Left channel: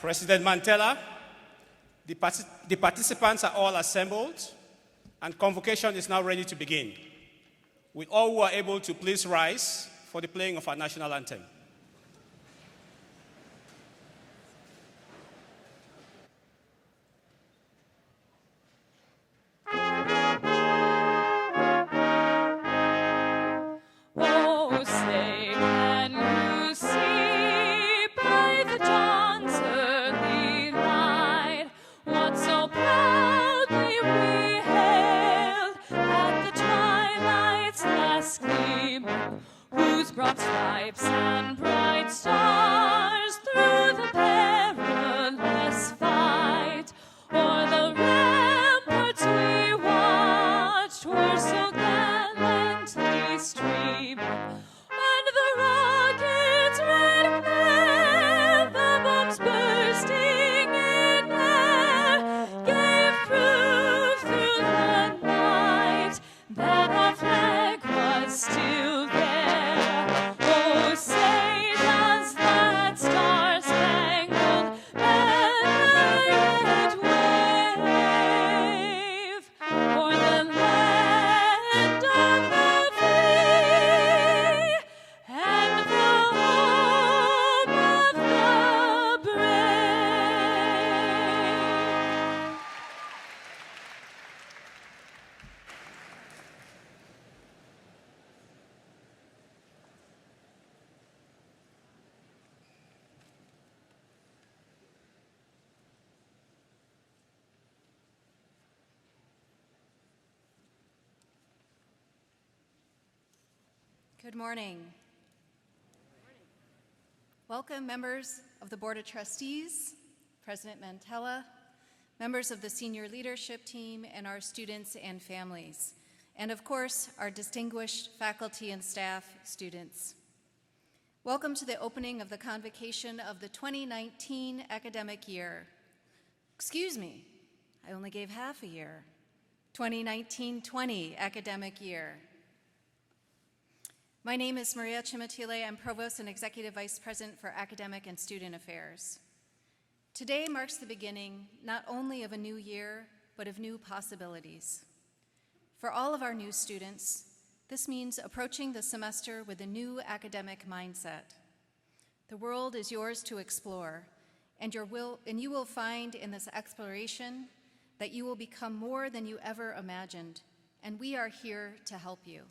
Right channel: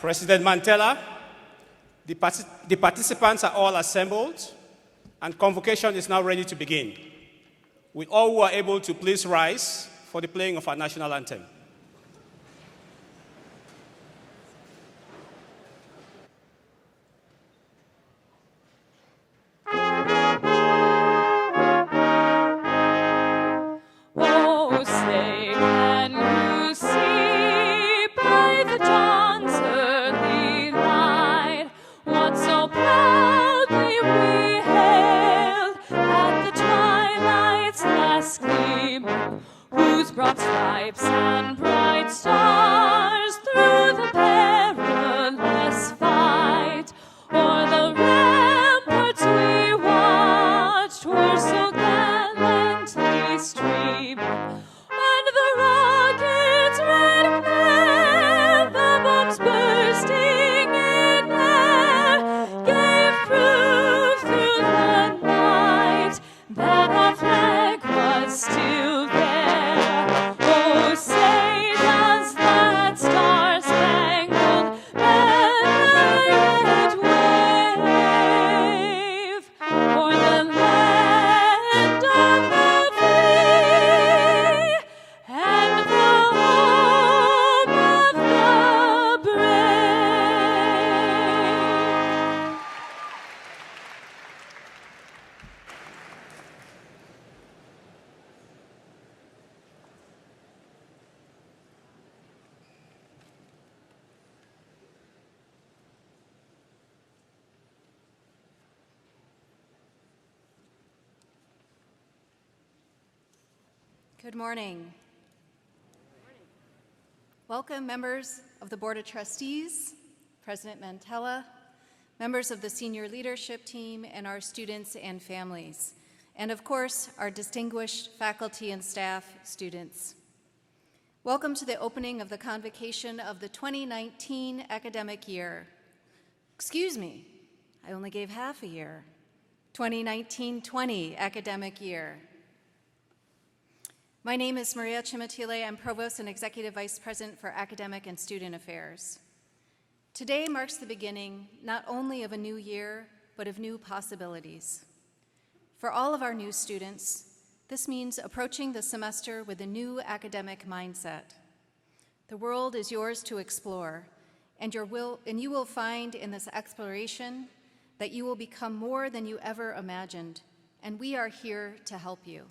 President Mandela, the participants are all assembled, and convocation is now ready to begin. Will all who are able to please rise for the playing of our national anthem. Broad stripes and bright stars through the perilous fight, o'er the ramparts we watched were so gallantly stream, and the rockets red and flare, the bombs bursting in air, gave proof through the night that our flag was still there. Good morning. Welcome, members of the Board of Trustees, President Mandela, members of the senior leadership team, and our students and families, and of course, our distinguished faculty and staff students. Welcome to the opening of the Convocation of the 2019 academic year. Excuse me, I only gave half a year. 2019-20 academic year. My name is Maria Chimatile. I'm Provost and Executive Vice President for Academic and Student Affairs. Today marks the beginning not only of a new year, but of new possibilities. For all of our new students, this means approaching the semester with a new academic mindset. The world is yours to explore, and you will find in this exploration that you will become more than you ever imagined, and we are here to help you.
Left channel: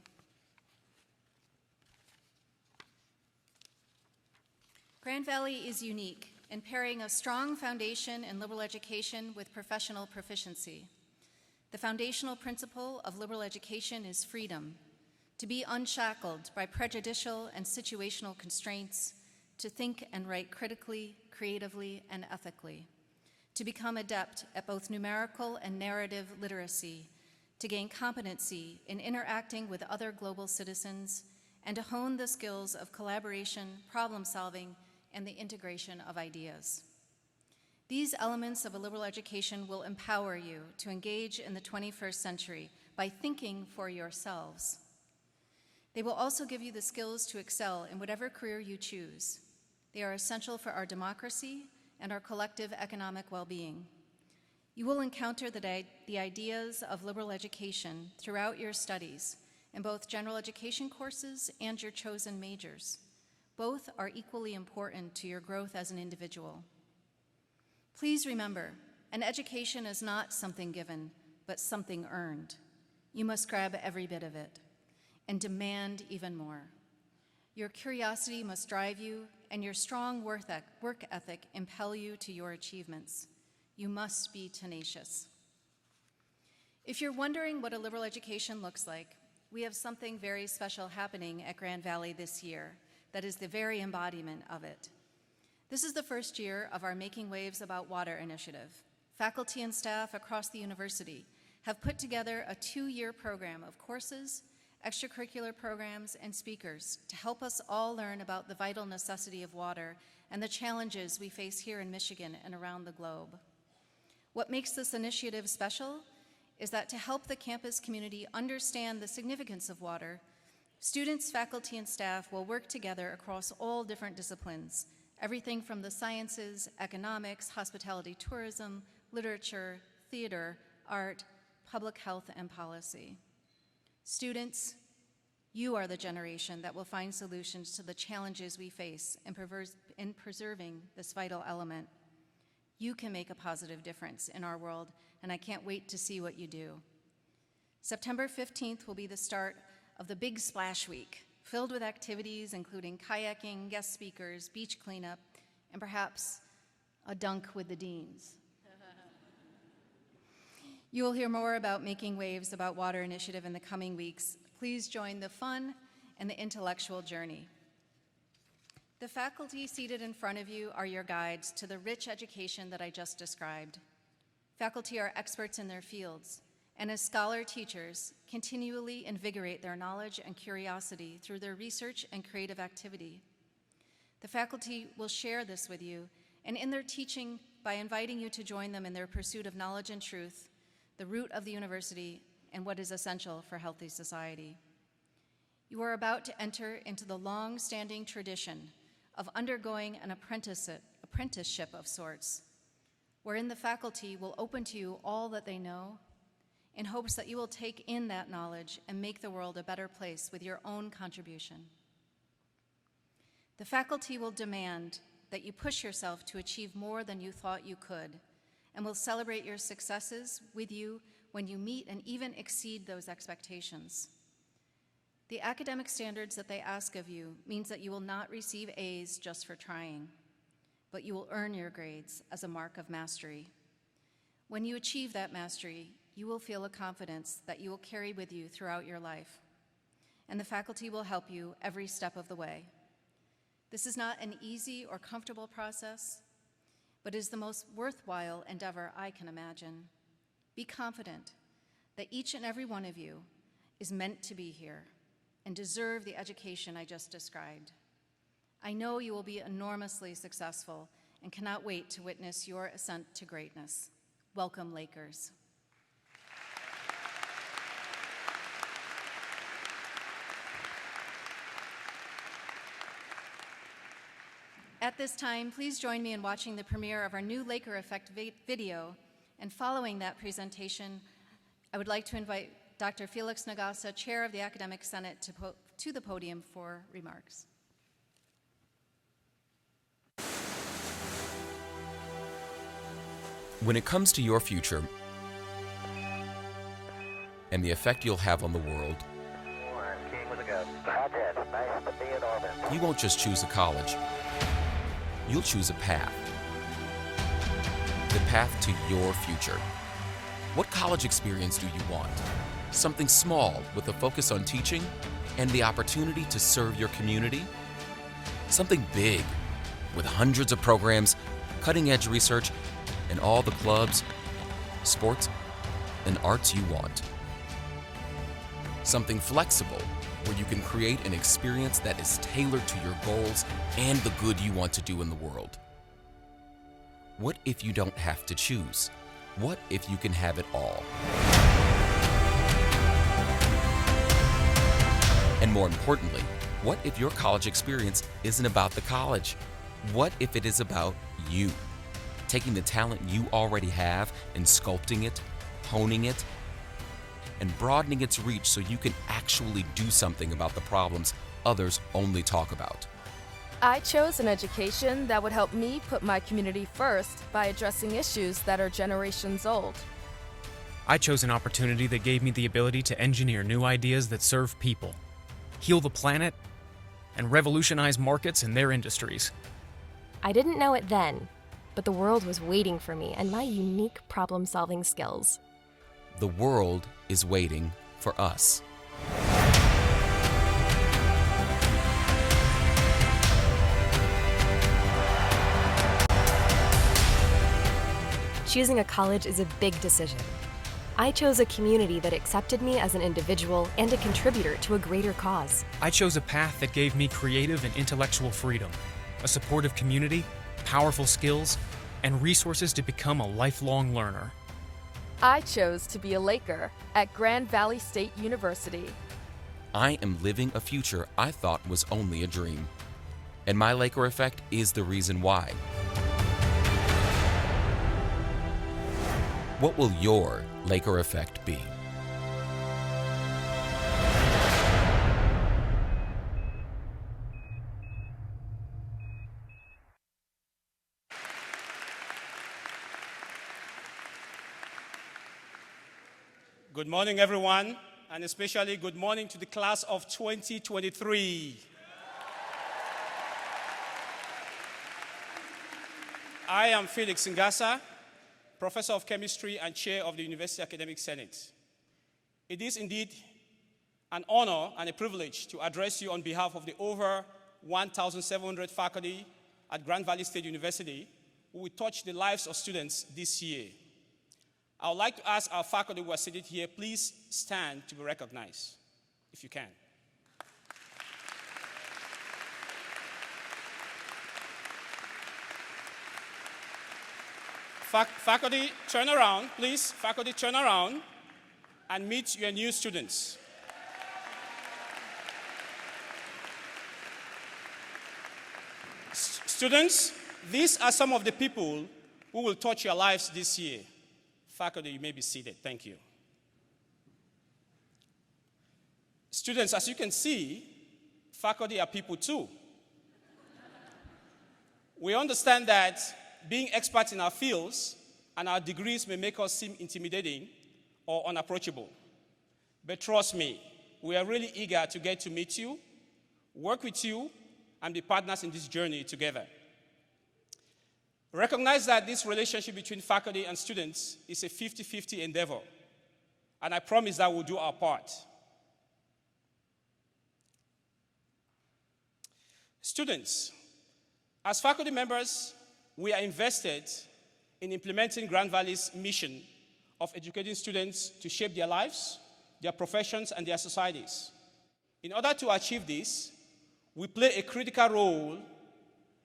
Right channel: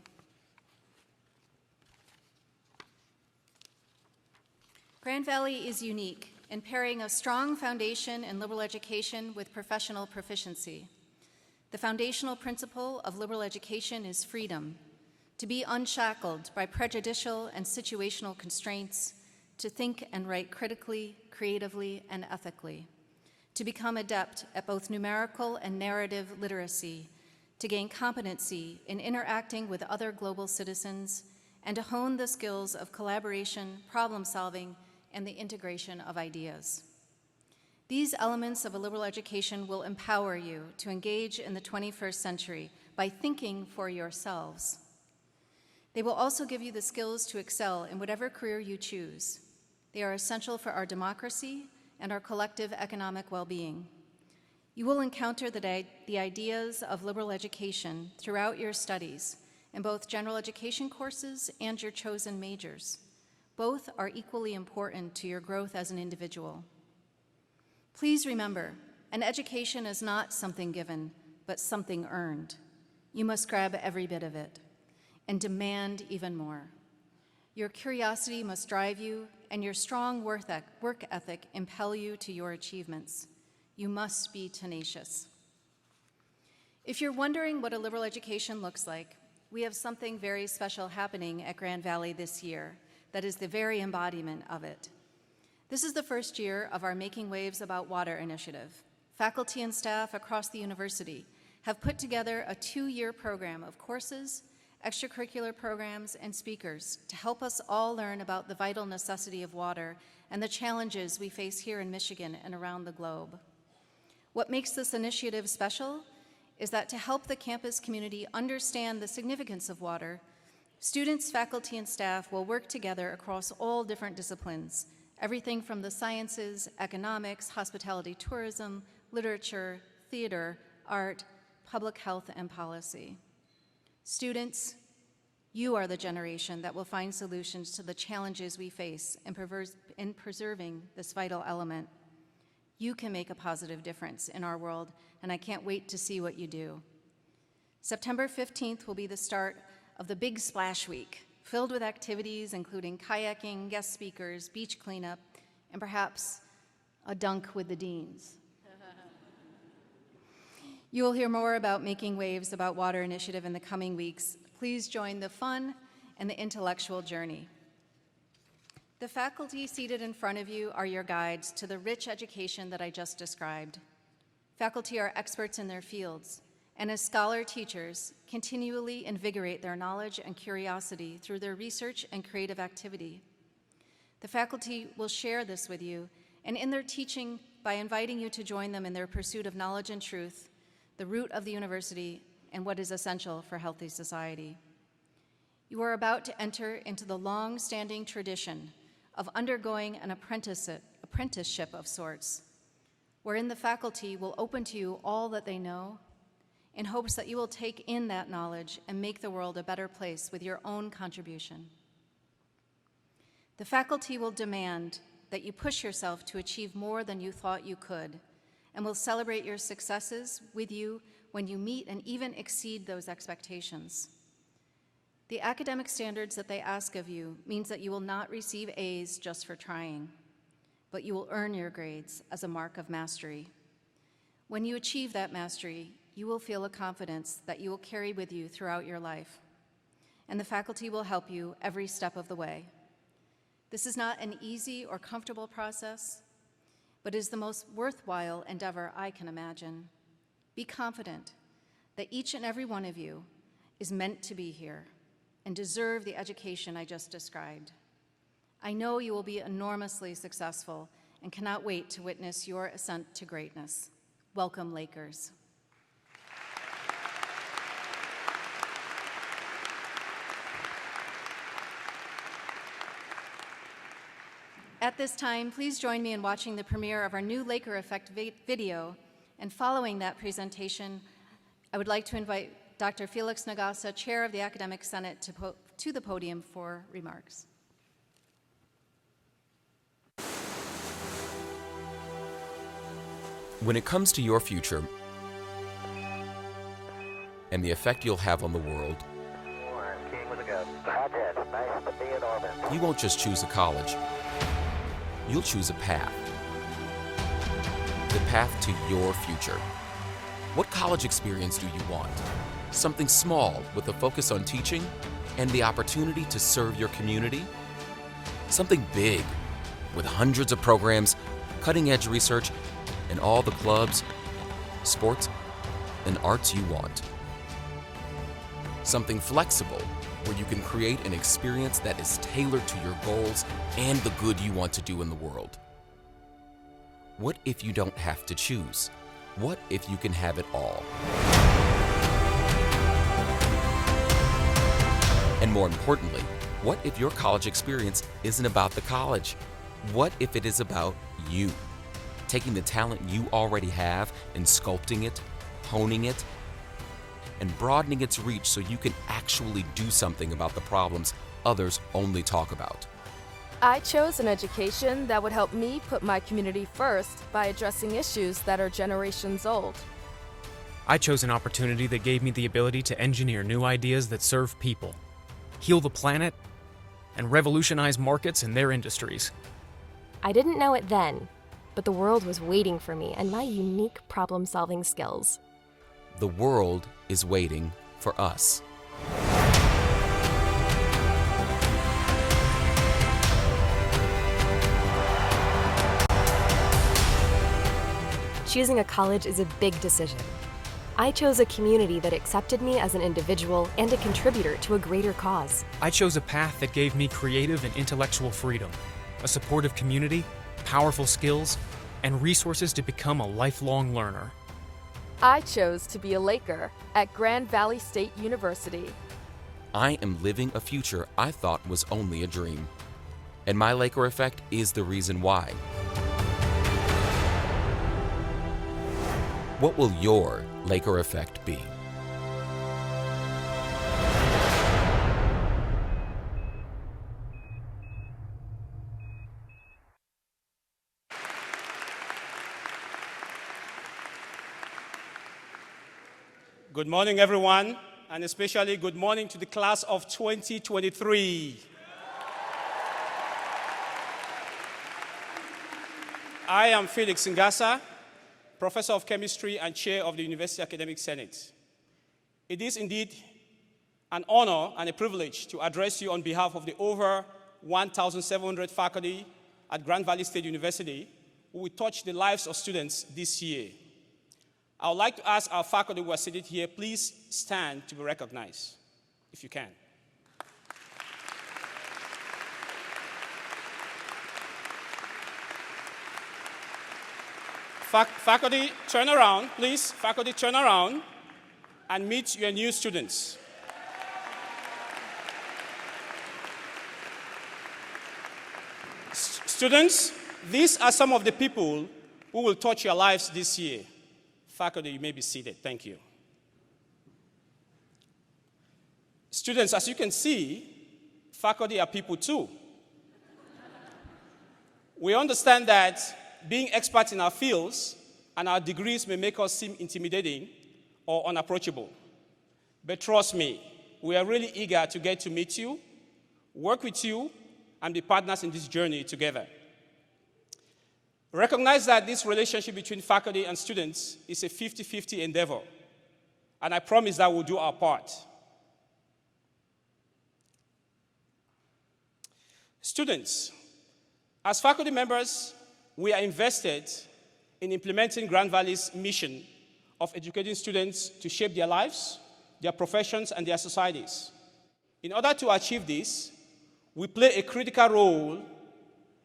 Grand Valley is unique in pairing a strong foundation in liberal education with professional proficiency. The foundational principle of liberal education is freedom, to be unshackled by prejudicial and situational constraints, to think and write critically, creatively, and ethically, to become adept at both numerical and narrative literacy, to gain competency in interacting with other global citizens, and to hone the skills of collaboration, problem solving, and the integration of ideas. These elements of a liberal education will empower you to engage in the 21st century by thinking for yourselves. They will also give you the skills to excel in whatever career you choose. They are essential for our democracy and our collective economic well-being. You will encounter the ideas of liberal education throughout your studies in both general education courses and your chosen majors. Both are equally important to your growth as an individual. Please remember, an education is not something given, but something earned. You must grab every bit of it and demand even more. Your curiosity must drive you, and your strong work ethic impel you to your achievements. You must be tenacious. If you're wondering what a liberal education looks like, we have something very special happening at Grand Valley this year that is the very embodiment of it. This is the first year of our Making Waves About Water initiative. Faculty and staff across the university have put together a 2-year program of courses, extracurricular programs, and speakers to help us all learn about the vital necessity of water and the challenges we face here in Michigan and around the globe. What makes this initiative special is that to help the campus community understand the significance of water, students, faculty, and staff will work together across all different disciplines, everything from the sciences, economics, hospitality, tourism, literature, theater, art, public health, and policy. Students, you are the generation that will find solutions to the challenges we face in preserving this vital element. You can make a positive difference in our world, and I can't wait to see what you do. September 15th will be the start of the Big Splash Week, filled with activities including kayaking, guest speakers, beach cleanup, and perhaps a dunk with the deans. You will hear more about Making Waves About Water initiative in the coming weeks. Please join the fun and the intellectual journey. The faculty seated in front of you are your guides to the rich education that I just described. Faculty are experts in their fields, and as scholar teachers, continually invigorate their knowledge and curiosity through their research and creative activity. The faculty will share this with you, and in their teaching, by inviting you to join them in their pursuit of knowledge and truth, the root of the university and what is essential for healthy society. You are about to enter into the long-standing tradition of undergoing an apprenticeship of sorts, wherein the faculty will open to you all that they know in hopes that you will take in that knowledge and make the world a better place with your own contribution. The faculty will demand that you push yourself to achieve more than you thought you could, and will celebrate your successes with you when you meet and even exceed those expectations. The academic standards that they ask of you means that you will not receive A's just for trying, but you will earn your grades as a mark of mastery. When you achieve that mastery, you will feel a confidence that you will carry with you throughout your life, and the faculty will help you every step of the way. This is not an easy or comfortable process, but is the most worthwhile endeavor I can imagine. Be confident that each and every one of you is meant to be here and deserve the education I just described. I know you will be enormously successful and cannot wait to witness your ascent to greatness. Welcome, Lakers. At this time, please join me in watching the premiere of our new Laker Effect video. And following that presentation, I would like to invite Dr. Felix Nagasa, Chair of the Academic Senate, to the podium for remarks. When it comes to your future and the effect you'll have on the world, you won't just choose a college. You'll choose a path. The path to your future. What college experience do you want? Something small with a focus on teaching and the opportunity to serve your community? Something big with hundreds of programs, cutting-edge research, and all the clubs, sports, and arts you want. Something flexible where you can create an experience that is tailored to your goals and the good you want to do in the world. What if you don't have to choose? What if you can have it all? And more importantly, what if your college experience isn't about the college? What if it is about you? Taking the talent you already have and sculpting it, honing it, and broadening its reach so you can actually do something about the problems others only talk about. I chose an education that would help me put my community first by addressing issues that are generations old. I chose an opportunity that gave me the ability to engineer new ideas that serve people, heal the planet, and revolutionize markets and their industries. I didn't know it then, but the world was waiting for me and my unique problem-solving skills. The world is waiting for us. Choosing a college is a big decision. I chose a community that accepted me as an individual and a contributor to a greater cause. I chose a path that gave me creative and intellectual freedom, a supportive community, powerful skills, and resources to become a lifelong learner. I chose to be a Laker at Grand Valley State University. I am living a future I thought was only a dream. and my Laker effect is the reason why. What will your Laker effect be? Good morning, everyone, and especially good morning to the class of 2023. I am Felix Ngasa, Professor of Chemistry and Chair of the University Academic Senate. It is indeed an honor and a privilege to address you on behalf of the over 1,700 faculty at Grand Valley State University who will touch the lives of students this year. I would like to ask our faculty who are seated here, please stand to be recognized, if you can. Faculty, turn around, please. Faculty, turn around and meet your new students. Students, these are some of the people who will touch your lives this year. Faculty, you may be seated. Thank you. Students, as you can see, faculty are people too. We understand that being experts in our fields and our degrees may make us seem intimidating or unapproachable. But trust me, we are really eager to get to meet you, work with you, and be partners in this journey together. Recognize that this relationship between faculty and students is a 50-50 endeavor, and I promise that we'll do our part. Students, as faculty members, we are invested in implementing Grand Valley's mission of educating students to shape their lives, their professions, and their societies. In order to achieve this, we play a critical role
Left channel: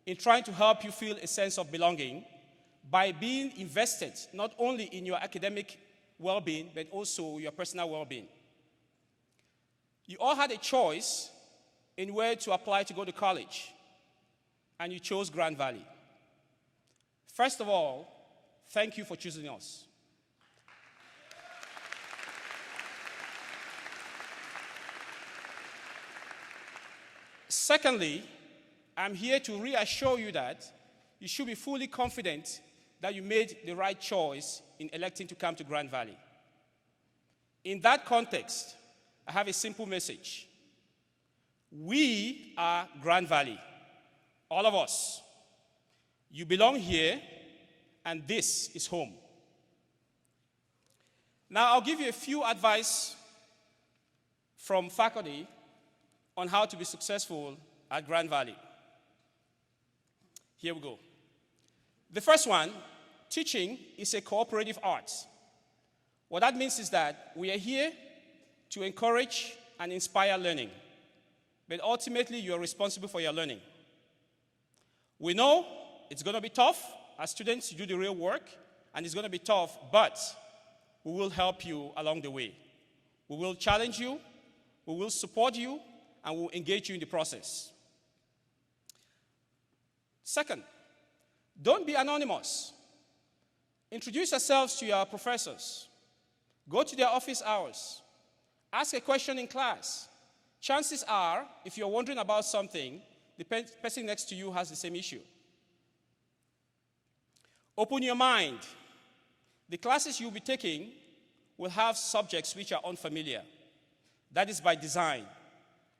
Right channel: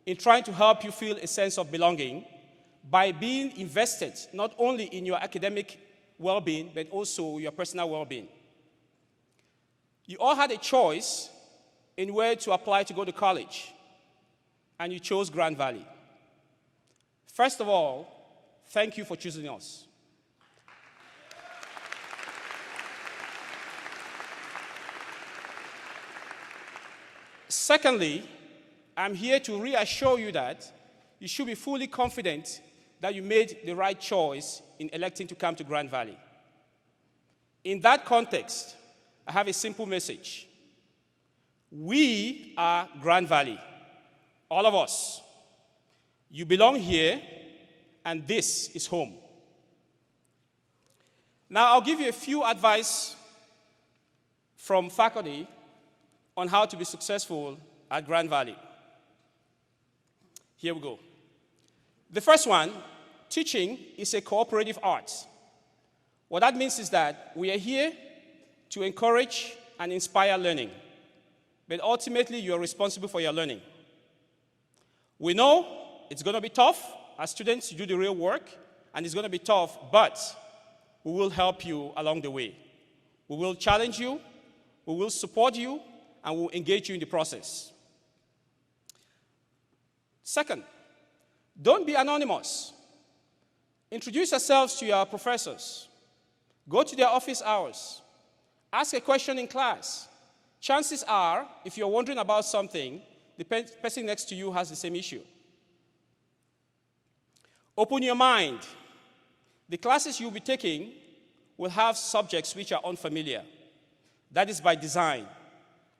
in trying to help you feel a sense of belonging by being invested not only in your academic well-being, but also your personal well-being. You all had a choice in where to apply to go to college, and you chose Grand Valley. First of all, thank you for choosing us. Secondly, I'm here to reassure you that you should be fully confident that you made the right choice in electing to come to Grand Valley. In that context, I have a simple message. We are Grand Valley, all of us. You belong here, and this is home. Now, I'll give you a few advice from faculty on how to be successful at Grand Valley. Here we go. The first one, teaching is a cooperative art. What that means is that we are here to encourage and inspire learning, but ultimately you are responsible for your learning. We know it's going to be tough as students to do the real work, and it's going to be tough, but we will help you along the way. We will challenge you, we will support you, and we will engage you in the process. Second, don't be anonymous. Introduce yourselves to your professors. Go to their office hours. Ask a question in class. Chances are, if you're wondering about something, the person next to you has the same issue. Open your mind. The classes you'll be taking will have subjects which are unfamiliar. That is by design.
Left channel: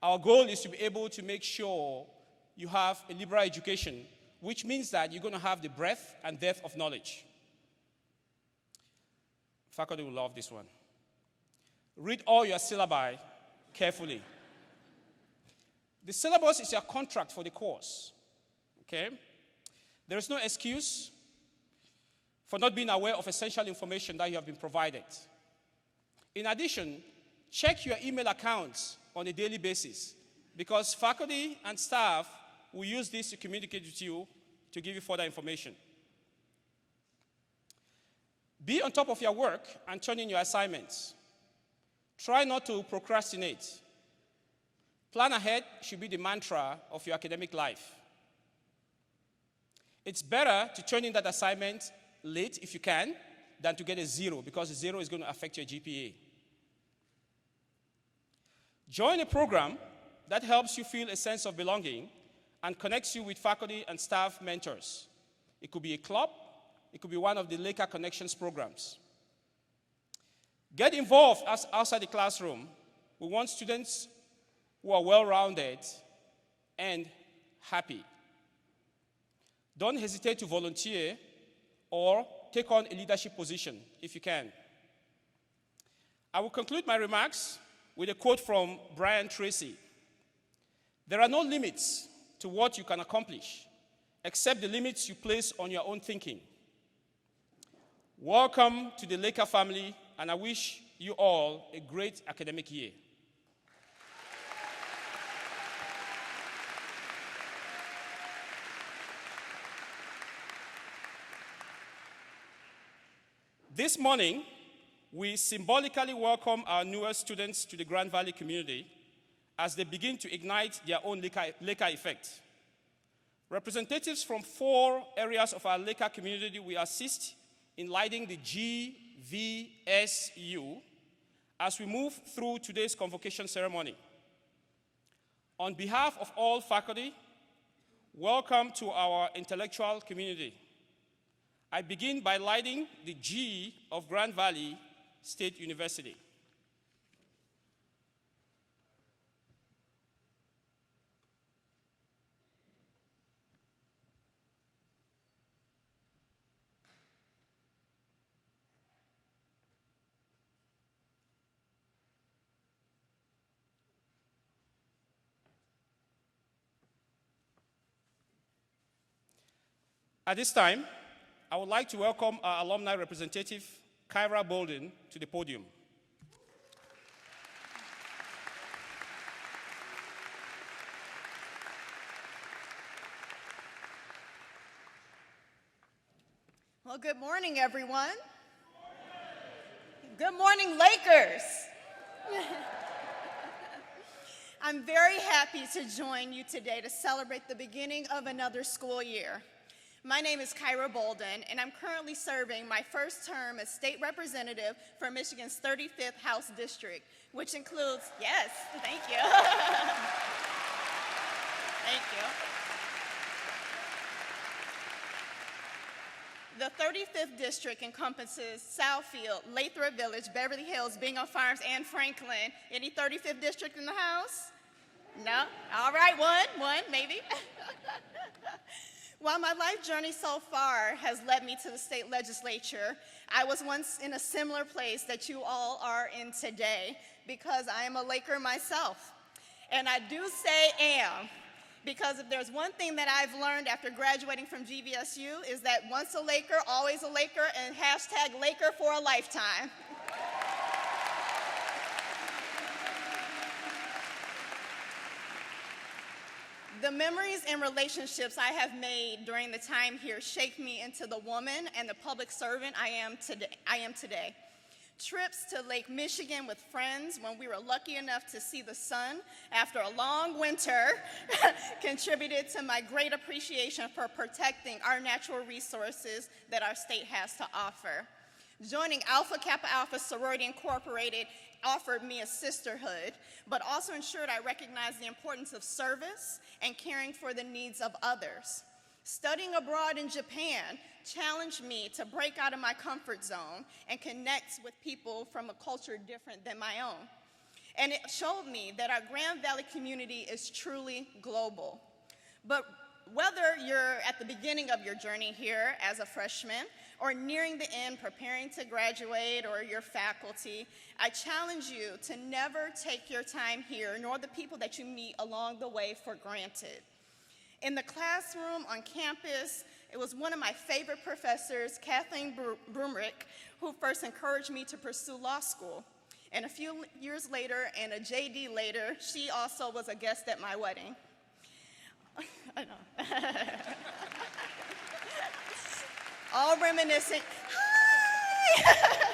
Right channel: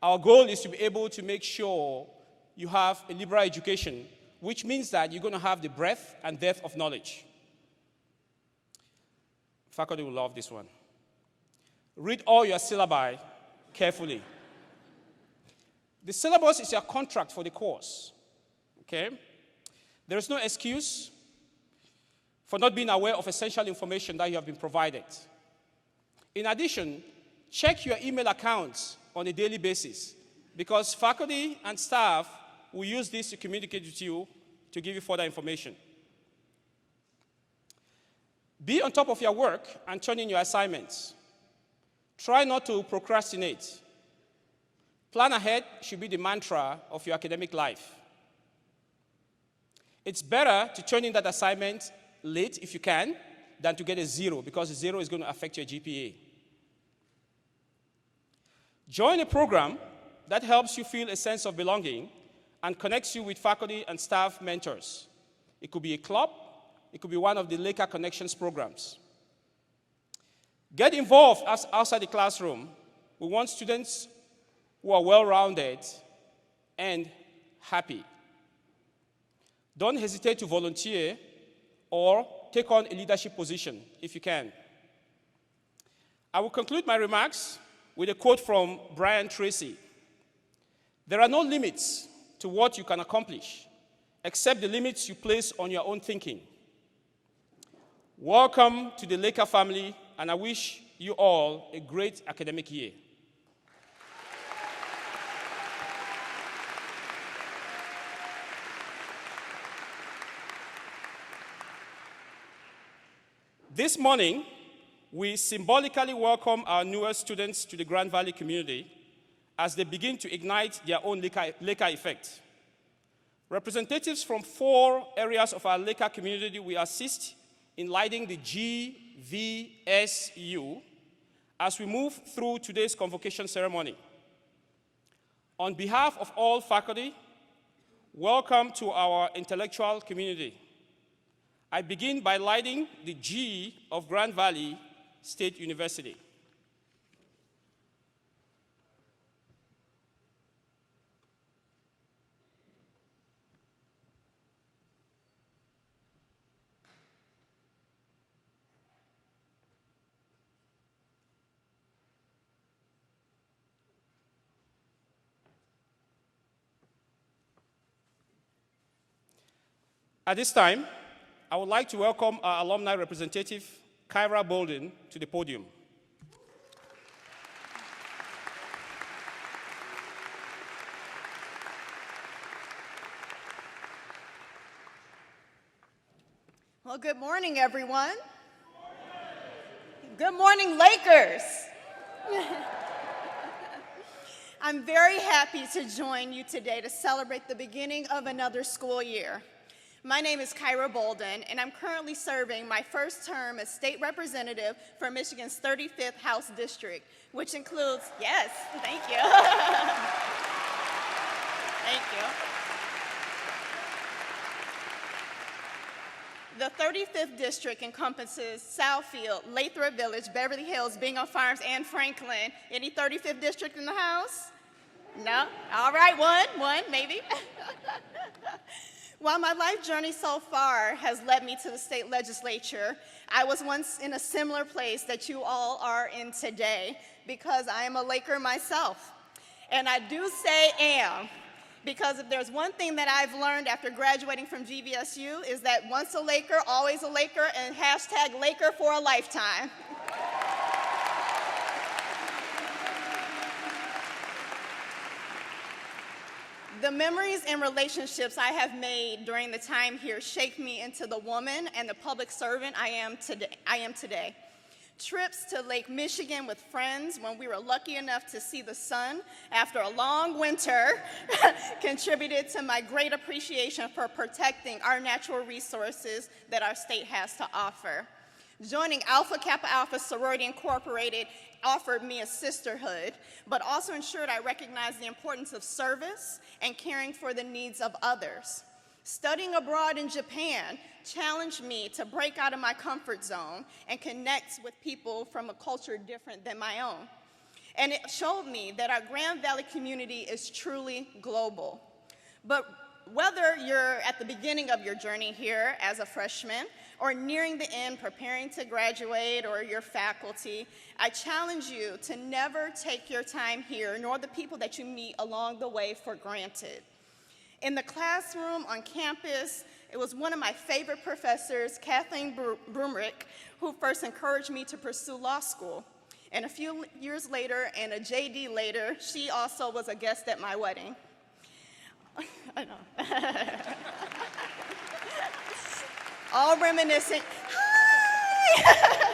Our goal is to be able to make sure you have a liberal education, which means that you're going to have the breadth and depth of knowledge. Faculty will love this one. Read all your syllabi carefully. The syllabus is your contract for the course, okay? There is no excuse for not being aware of essential information that you have been provided. In addition, check your email accounts on a daily basis because faculty and staff will use this to communicate with you to give you further information. Be on top of your work and turn in your assignments. Try not to procrastinate. Plan ahead should be the mantra of your academic life. It's better to turn in that assignment late if you can than to get a 0, because a 0 is going to affect your GPA. Join a program that helps you feel a sense of belonging and connects you with faculty and staff mentors. It could be a club, it could be one of the Laker Connections programs. Get involved outside the classroom. We want students who are well-rounded and happy. Don't hesitate to volunteer or take on a leadership position if you can. I will conclude my remarks with a quote from Brian Tracy. There are no limits to what you can accomplish, except the limits you place on your own thinking. Welcome to the Laker family, and I wish you all a great academic year. This morning, we symbolically welcome our newest students to the Grand Valley community as they begin to ignite their own Laker effect. Representatives from 4 areas of our Laker community will assist in lighting the GVSU as we move through today's convocation ceremony. On behalf of all faculty, welcome to our intellectual community. I begin by lighting the G of Grand Valley State University. At this time, I would like to welcome our alumni representative, Kyra Bolden, to the podium. Well, good morning, everyone. Good morning, Lakers. I'm very happy to join you today to celebrate the beginning of another school year. My name is Kyra Bolden, and I'm currently serving my first term as state representative for Michigan's 35th House District, which includes, yes, thank you. Thank you. The 35th District encompasses Southfield, Lathrop Village, Beverly Hills, Bingham Farms, and Franklin. Any 35th District in the house? No? All right, one, maybe. While my life journey so far has led me to the state legislature, I was once in a similar place that you all are in today because I am a Laker myself. And I do say am, because if there's one thing that I've learned after graduating from GVSU is that once a Laker, always a Laker, and hashtag Laker for a lifetime. The memories and relationships I have made during the time here shape me into the woman and the public servant I am today. Trips to Lake Michigan with friends when we were lucky enough to see the sun after a long winter contributed to my great appreciation for protecting our natural resources that our state has to offer. Joining Alpha Kappa Alpha Sorority Incorporated offered me a sisterhood, but also ensured I recognized the importance of service and caring for the needs of others. Studying abroad in Japan challenged me to break out of my comfort zone and connect with people from a culture different than my own. And it showed me that our Grand Valley community is truly global. But whether you're at the beginning of your journey here as a freshman or nearing the end preparing to graduate or your faculty, I challenge you to never take your time here nor the people that you meet along the way for granted. In the classroom, on campus, it was one of my favorite professors, Kathleen Brumrick, who first encouraged me to pursue law school. And a few years later, and a JD later, she also was a guest at my wedding. I know. All reminiscent. Hi!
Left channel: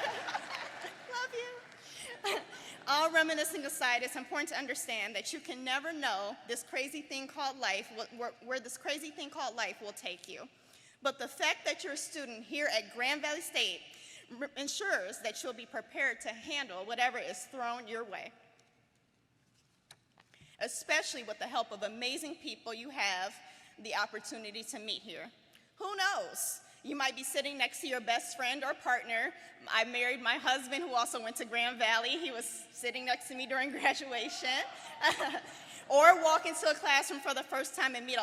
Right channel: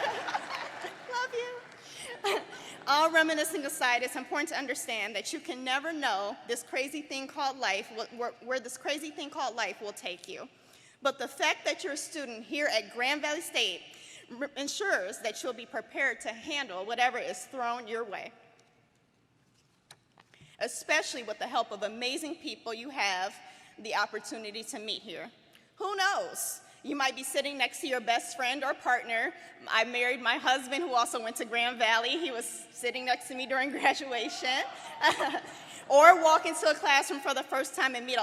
Love you. All reminiscing aside, it's important to understand that you can never know this crazy thing called life, where this crazy thing called life will take you. But the fact that you're a student here at Grand Valley State ensures that you'll be prepared to handle whatever is thrown your way, especially with the help of amazing people you have the opportunity to meet here. Who knows? You might be sitting next to your best friend or partner. I married my husband who also went to Grand Valley. He was sitting next to me during graduation. Or walk into a classroom for the first time and meet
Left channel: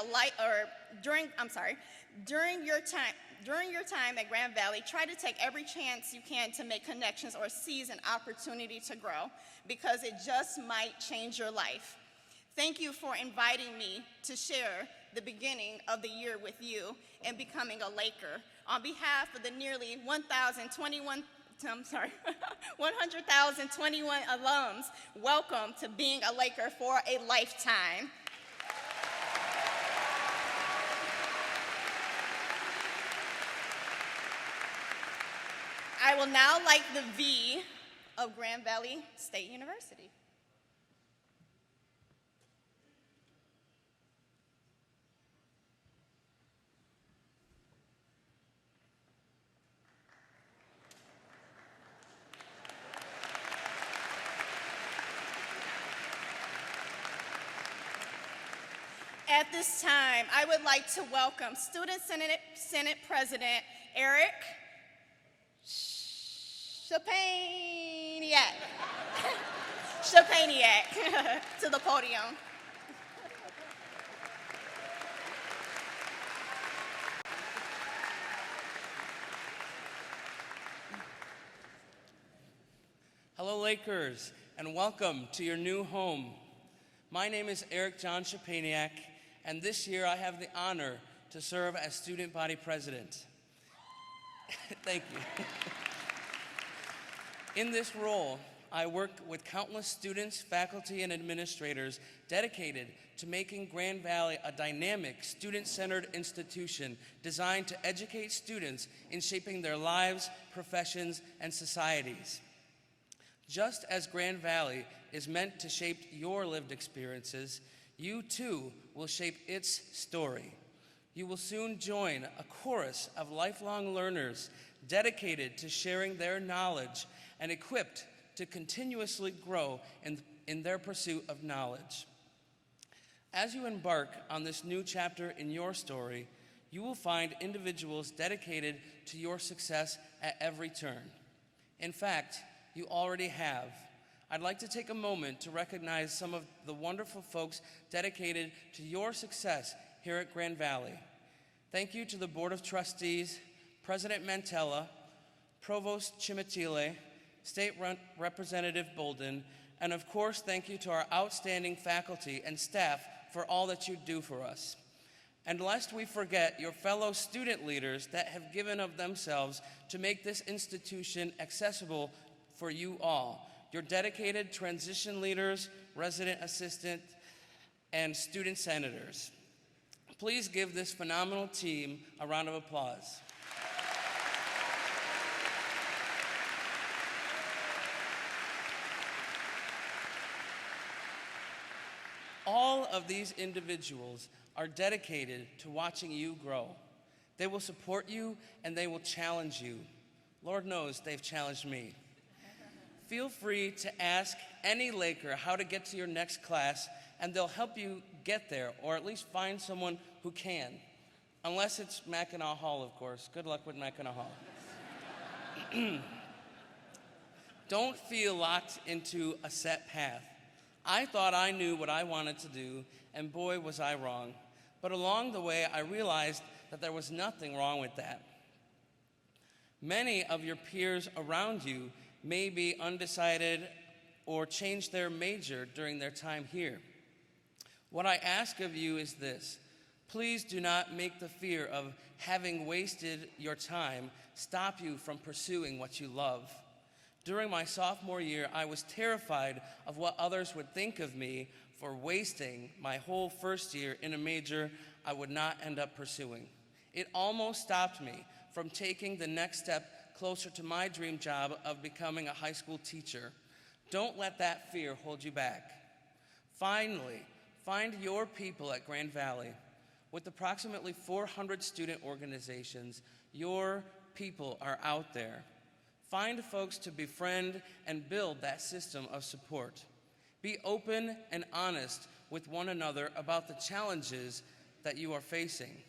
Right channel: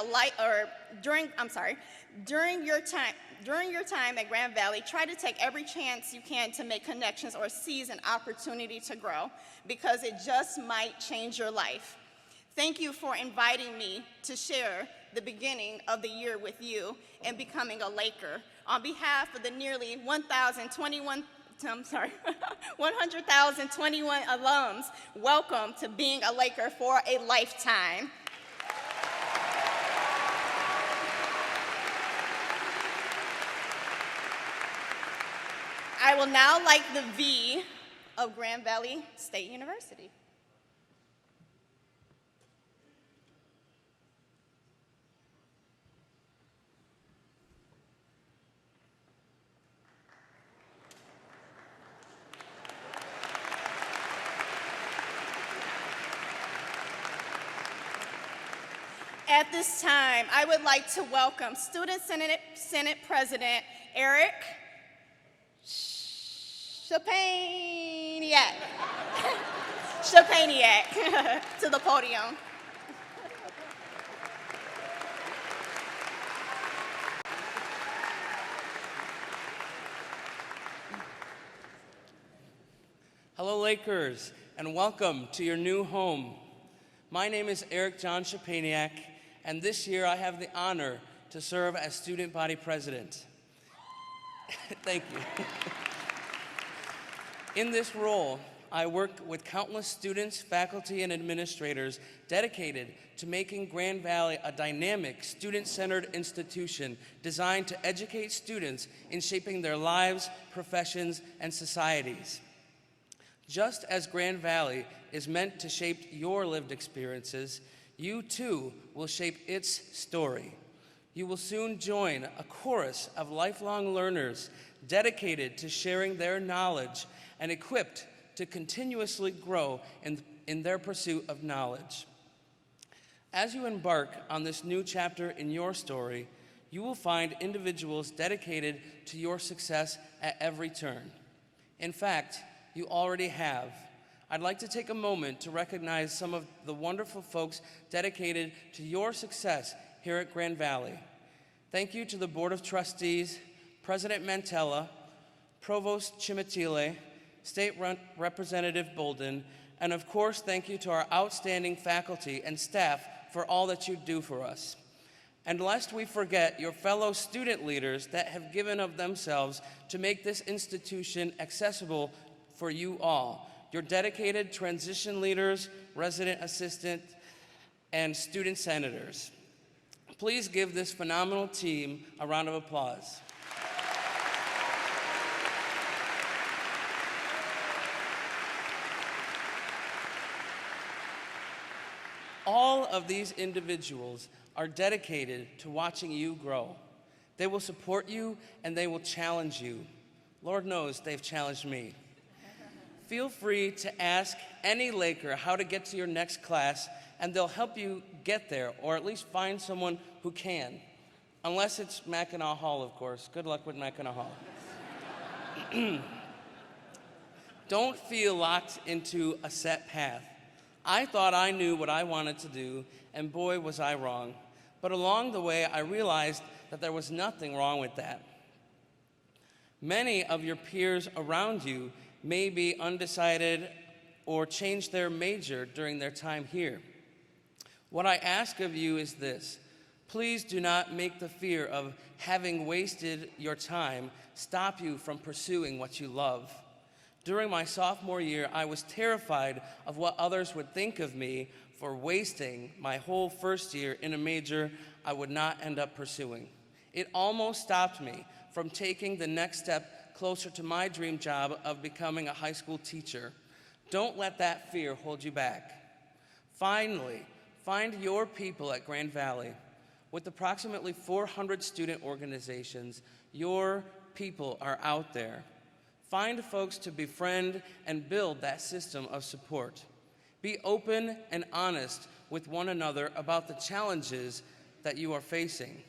during your time at Grand Valley, try to take every chance you can to make connections or seize an opportunity to grow, because it just might change your life. Thank you for inviting me to share the beginning of the year with you and becoming a Laker. On behalf of the nearly 100,021 alums, welcome to being a Laker for a lifetime. I will now light the V of Grand Valley State University. At this time, I would like to welcome Student Senate President Eric Chapaniak to the podium. Hello, Lakers, and welcome to your new home. My name is Eric John Chapaniak, and this year I have the honor to serve as Student Body President. Thank you. In this role, I work with countless students, faculty, and administrators dedicated to making Grand Valley a dynamic, student-centered institution designed to educate students in shaping their lives, professions, and societies. Just as Grand Valley is meant to shape your lived experiences, you too will shape its story. You will soon join a chorus of lifelong learners dedicated to sharing their knowledge and equipped to continuously grow in their pursuit of knowledge. As you embark on this new chapter in your story, you will find individuals dedicated to your success at every turn. In fact, you already have. I'd like to take a moment to recognize some of the wonderful folks dedicated to your success here at Grand Valley. Thank you to the Board of Trustees, President Mantella, Provost Chimatile, State Representative Bolden, and of course, thank you to our outstanding faculty and staff for all that you do for us. And lest we forget your fellow student leaders that have given of themselves to make this institution accessible for you all. Your dedicated transition leaders, resident assistants, and student senators. Please give this phenomenal team a round of applause. All of these individuals are dedicated to watching you grow. They will support you and they will challenge you. Lord knows they've challenged me. Feel free to ask any Laker how to get to your next class, and they'll help you get there, or at least find someone who can. Unless it's Mackinac Hall, of course. Good luck with Mackinac Hall. Don't feel locked into a set path. I thought I knew what I wanted to do, and boy, was I wrong. But along the way, I realized that there was nothing wrong with that. Many of your peers around you may be undecided or change their major during their time here. What I ask of you is this: please do not make the fear of having wasted your time stop you from pursuing what you love. During my sophomore year, I was terrified of what others would think of me for wasting my whole first year in a major I would not end up pursuing. It almost stopped me from taking the next step closer to my dream job of becoming a high school teacher. Don't let that fear hold you back. Finally, find your people at Grand Valley. With approximately 400 student organizations, your people are out there. Find folks to befriend and build that system of support. Be open and honest with one another about the challenges that you are facing.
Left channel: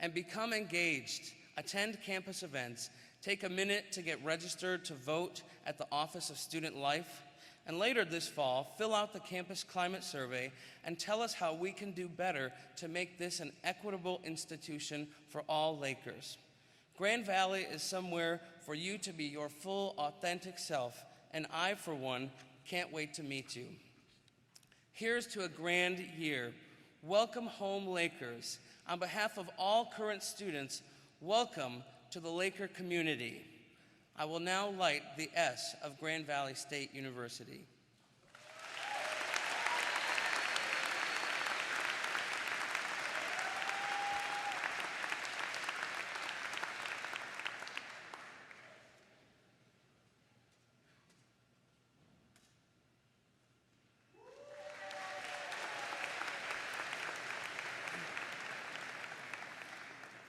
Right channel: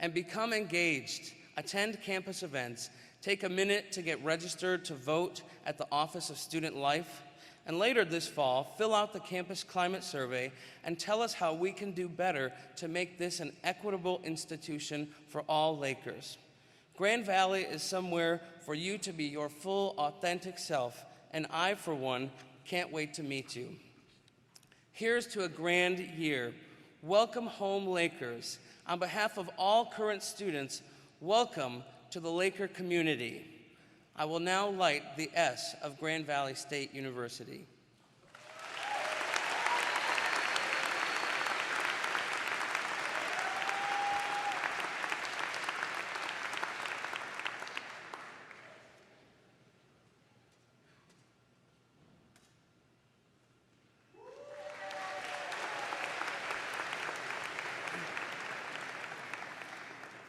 And become engaged. Attend campus events. Take a minute to get registered to vote at the Office of Student Life. And later this fall, fill out the campus climate survey and tell us how we can do better to make this an equitable institution for all Lakers. Grand Valley is somewhere for you to be your full, authentic self, and I, for one, can't wait to meet you. Here's to a grand year. Welcome home, Lakers. On behalf of all current students, welcome to the Laker community. I will now light the S of Grand Valley State University.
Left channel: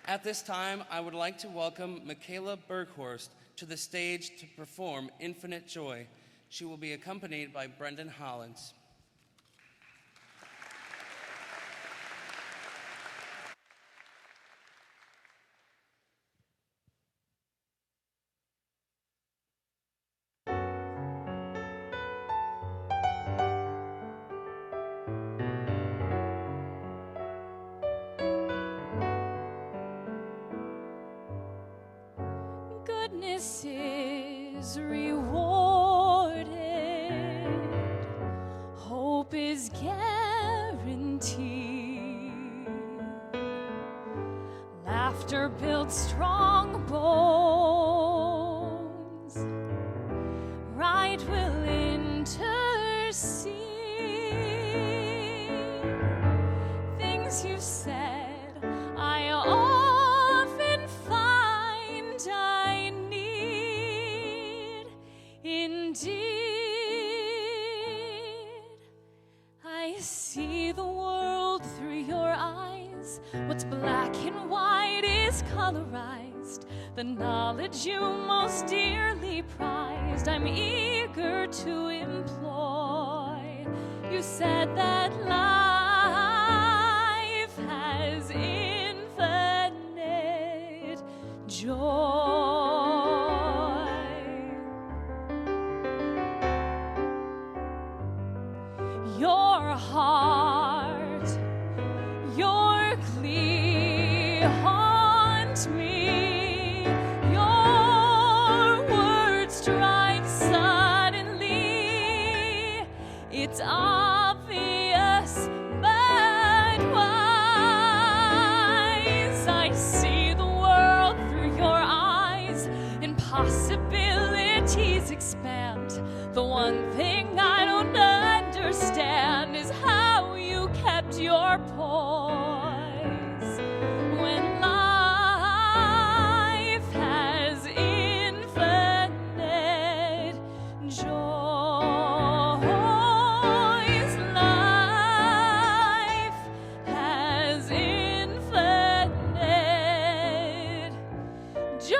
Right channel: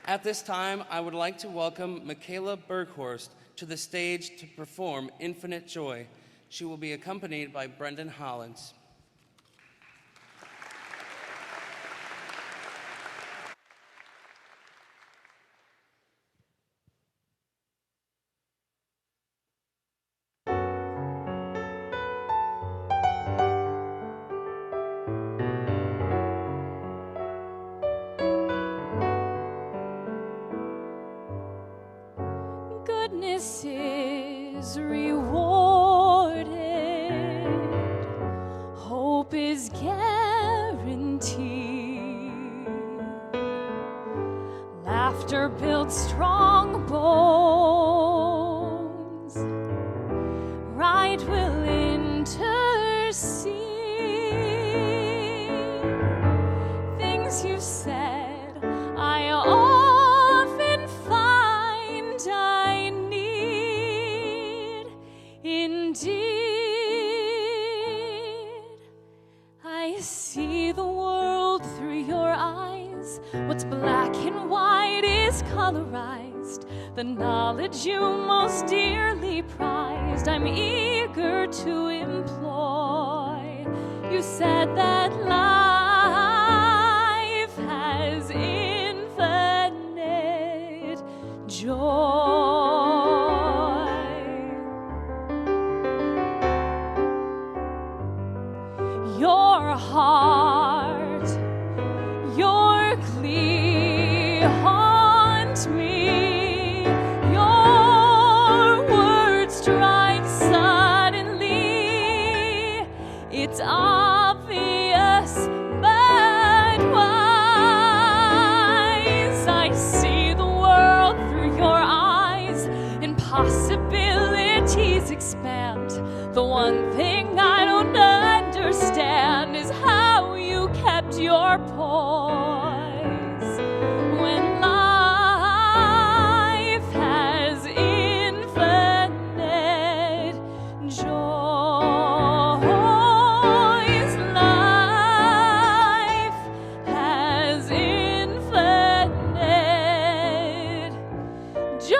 At this time, I would like to welcome Michaela Berghorst to the stage to perform Infinite Joy. She will be accompanied by Brendan Hollins. Goodness is rewarded, hope is guaranteed, laughter builds strong bones, right will intercede, things you said I often find I need. Indeed, I see the world through your eyes. What's black and white is colorized. The knowledge you most dearly prized, I'm eager to employ. You said that life has infinite joy. Your heart, your glee haunt me. Your words strike suddenly. It's obvious, but wise. I see the world through your eyes, and possibilities expand. The one thing I don't understand is how you kept your poise when life has infinite joys. Life has infinite joys,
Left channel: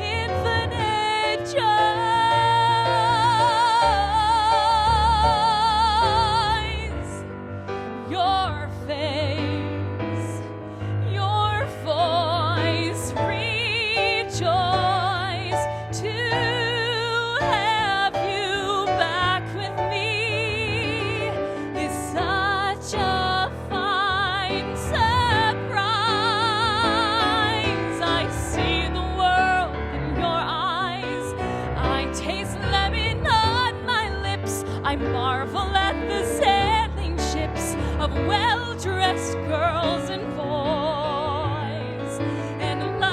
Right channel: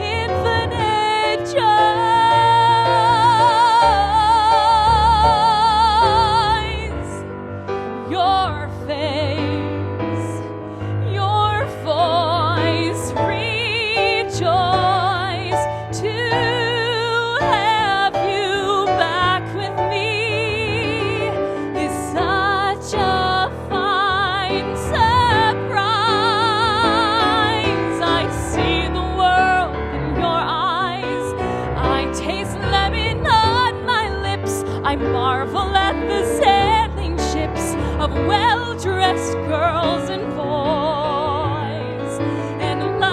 infinite joys. Your face, your voice, rejoice to have you back with me is such a fine surprise. I see the world in your eyes. I taste lemon on my lips. I marvel at the sailing ships of well-dressed girls and boys. And life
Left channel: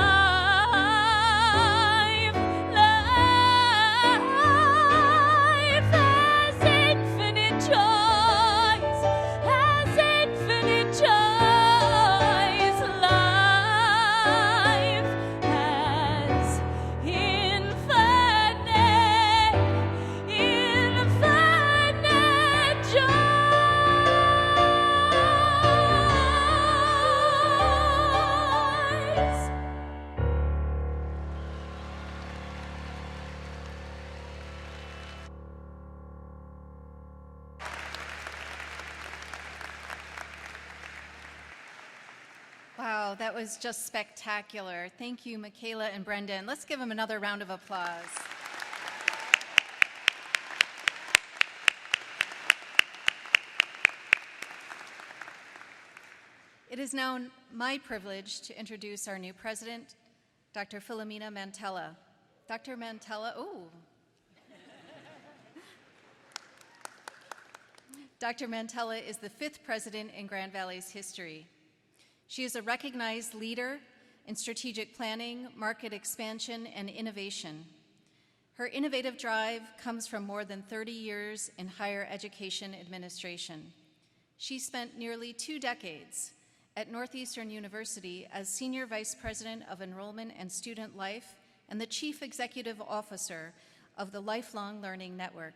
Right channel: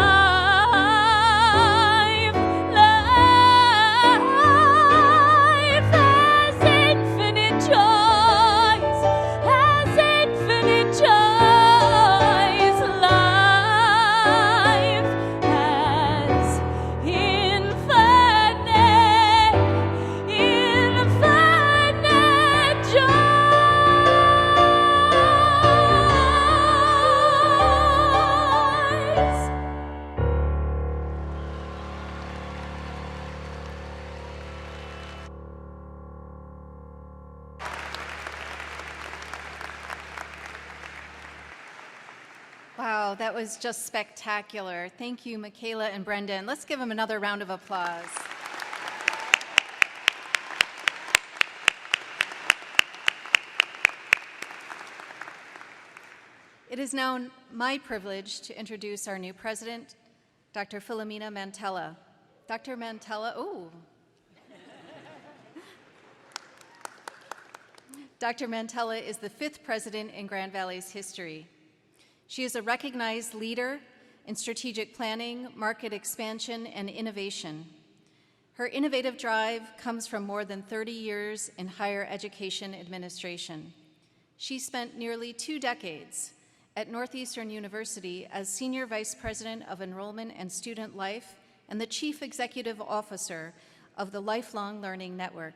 has infinite joys, has infinite joys. Wow, that was just spectacular. Thank you, Michaela and Brendan. Let's give them another round of applause. It is now my privilege to introduce our new president, Dr. Philomena Mantella. Dr. Mantella, Dr. Mantella is the 5th president in Grand Valley's history. She is a recognized leader in strategic planning, market expansion, and innovation. Her innovative drive comes from more than 30 years in higher education administration. She spent nearly 2 decades at Northeastern University as Senior Vice President of Enrollment and Student Life and the Chief Executive Officer of the Lifelong Learning Network.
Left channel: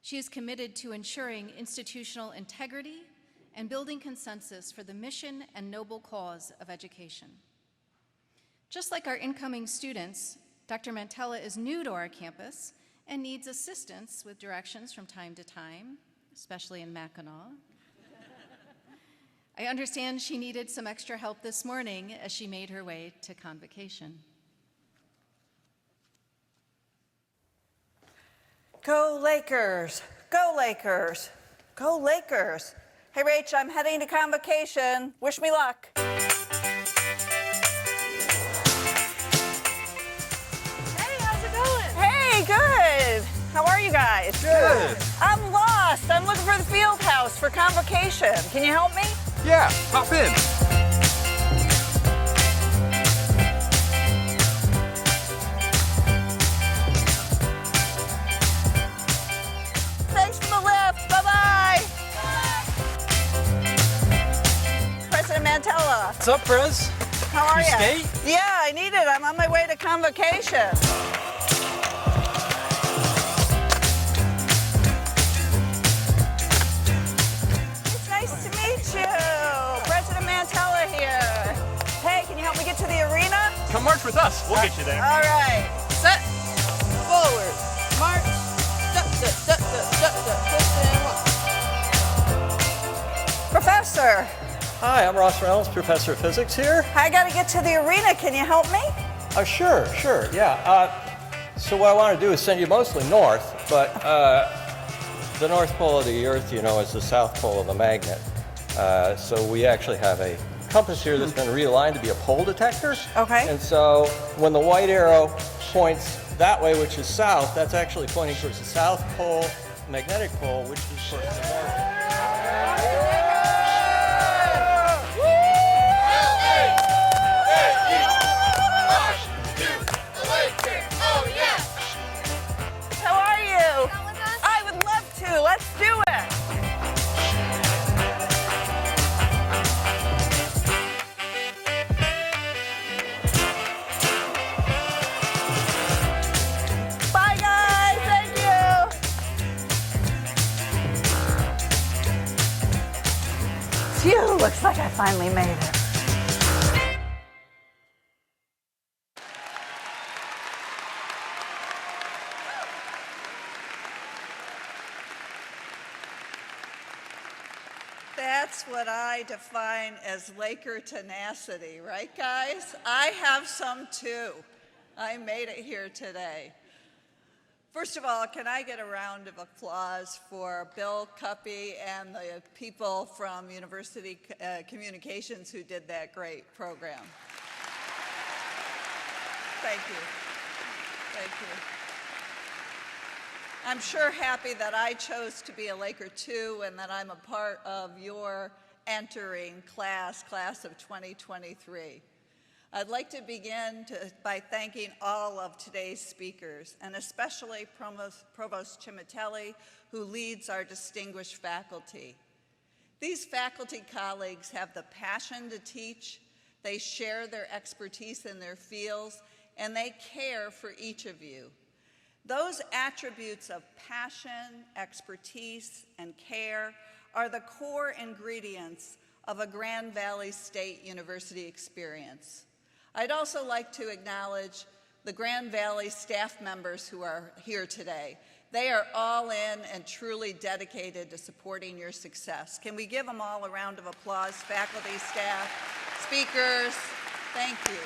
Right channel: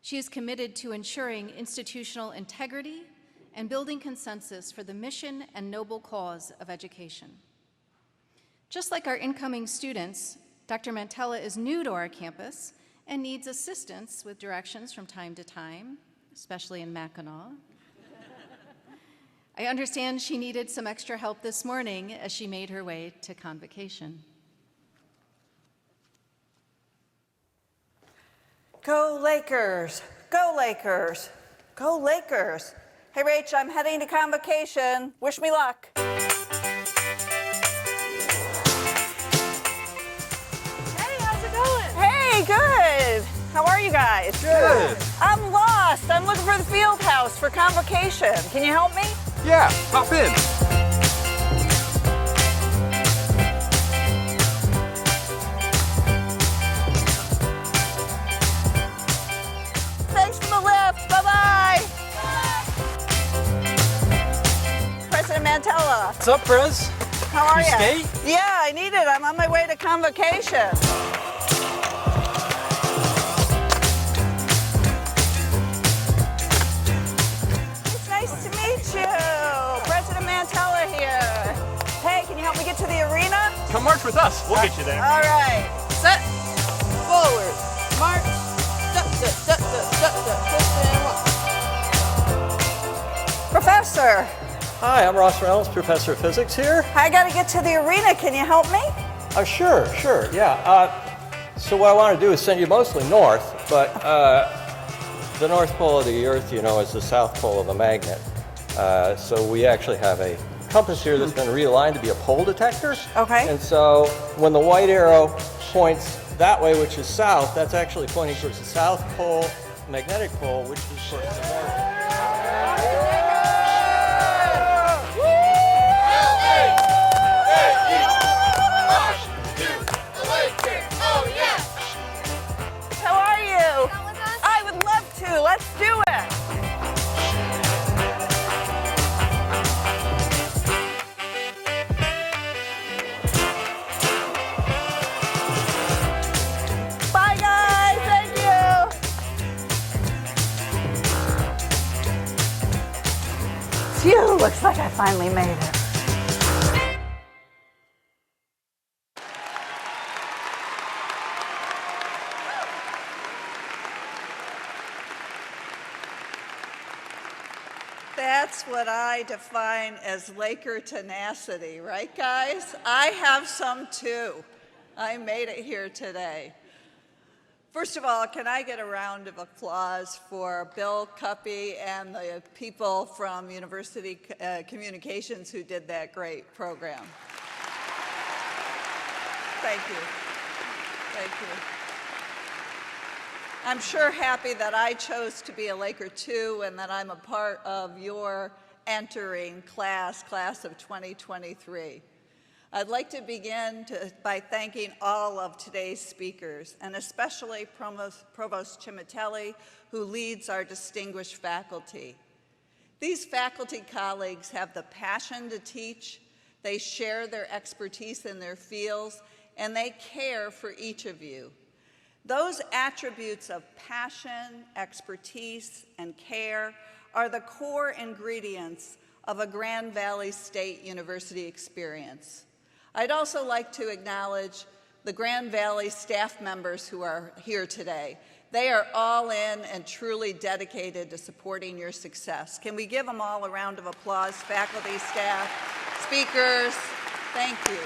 She is committed to ensuring institutional integrity and building consensus for the mission and noble cause of education. Just like our incoming students, Dr. Mantella is new to our campus and needs assistance with directions from time to time, especially in Mackinac. I understand she needed some extra help this morning as she made her way to Convocation. Go Lakers! Go Lakers! Go Lakers! Hey, Rach, I'm heading to Convocation. Wish me luck. Hey, how's it going? Hey, good. How are you guys? Good. I'm lost. I'm looking for the field house for Convocation. Can you help me? Yeah, hop in. Thanks for the lift. Bye-bye. President Mantella. What's up, Prez? How are you? You skate? Yeah, I need it. I'm on my way to Convocation. It's nice to meet you. President Mantella here. Hey, can you help me get to the arena? Come march with us. We'll get you there. All right. Set. Forward. March. Step. Professor. Hi, I'm Ross Reynolds, Professor of Physics here. I got to get to the arena. Can you help me? Sure, yeah. So what I want to do is send you mostly north, but the North Pole of the Earth, you know, is the South Pole of a magnet. So we actually have a compass here that's been realigned to be a pole detector. Okay. And so when the white arrow points that way, which is south, that's actually pointing towards the South Pole magnetic pole, which is towards the north. How are you? I would love to. Let's do it. Bye, guys. Thank you. Phew, looks like I finally made it. That's what I define as Laker tenacity, right, guys? I have some too. I made it here today. First of all, can I get a round of applause for Bill Cuppy and the people from University Communications who did that great program? Thank you. Thank you. I'm sure happy that I chose to be a Laker too, and that I'm a part of your entering class of 2023. I'd like to begin by thanking all of today's speakers, and especially Provost Cimitelli, who leads our distinguished faculty. These faculty colleagues have the passion to teach, they share their expertise in their fields, and they care for each of you. Those attributes of passion, expertise, and care are the core ingredients of a Grand Valley State University experience. I'd also like to acknowledge the Grand Valley staff members who are here today. They are all in and truly dedicated to supporting your success. Can we give them all a round of applause, faculty, staff, speakers? Thank you.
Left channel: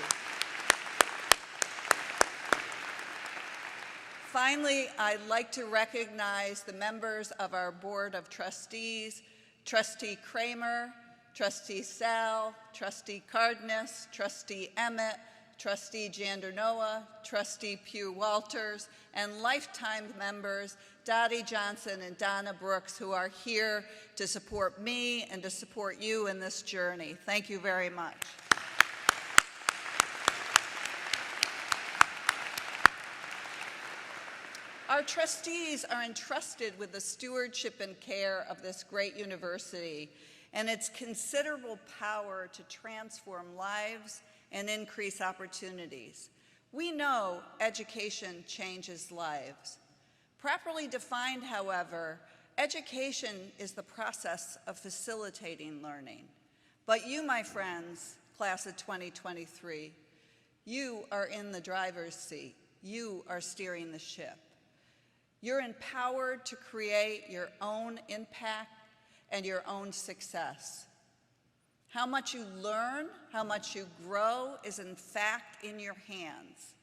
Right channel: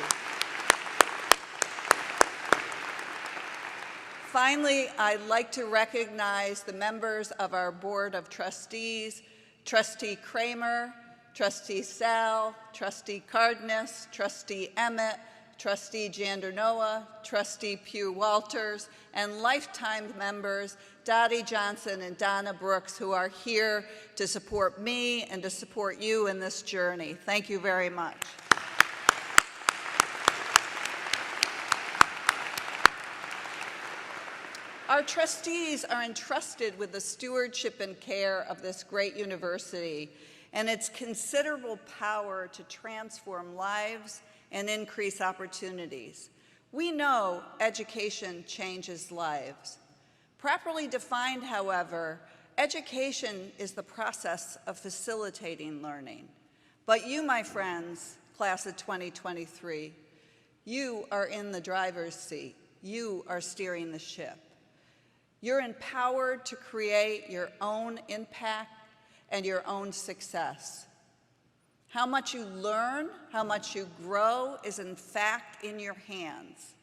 Finally, I'd like to recognize the members of our Board of Trustees, Trustee Kramer, Trustee Sal, Trustee Cardenas, Trustee Emmett, Trustee Jandernoa, Trustee Pugh Walters, and lifetime members Dottie Johnson and Donna Brooks, who are here to support me and to support you in this journey. Thank you very much. Our trustees are entrusted with the stewardship and care of this great university and its considerable power to transform lives and increase opportunities. We know education changes lives. Properly defined, however, education is the process of facilitating learning. But you, my friends, class of 2023, you are in the driver's seat. You are steering the ship. You're empowered to create your own impact and your own success. How much you learn, how much you grow is in fact in your hands.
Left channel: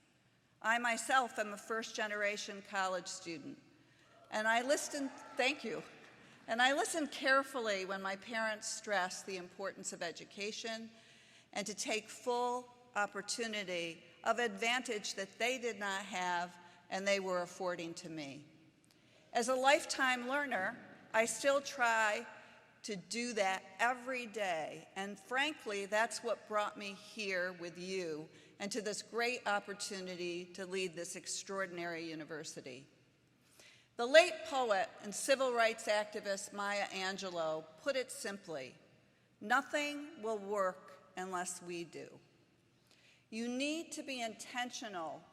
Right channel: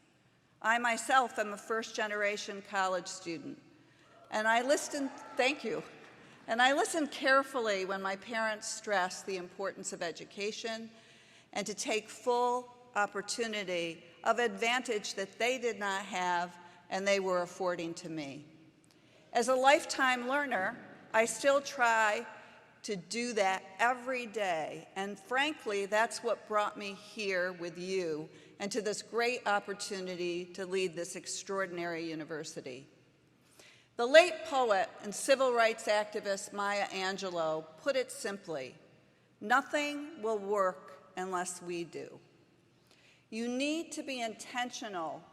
I myself am a first-generation college student, and I listened, thank you, and I listened carefully when my parents stressed the importance of education and to take full opportunity of advantage that they did not have and they were affording to me. As a lifetime learner, I still try to do that every day, and frankly, that's what brought me here with you and to this great opportunity to lead this extraordinary university. The late poet and civil rights activist Maya Angelou put it simply, nothing will work unless we do. You need to be intentional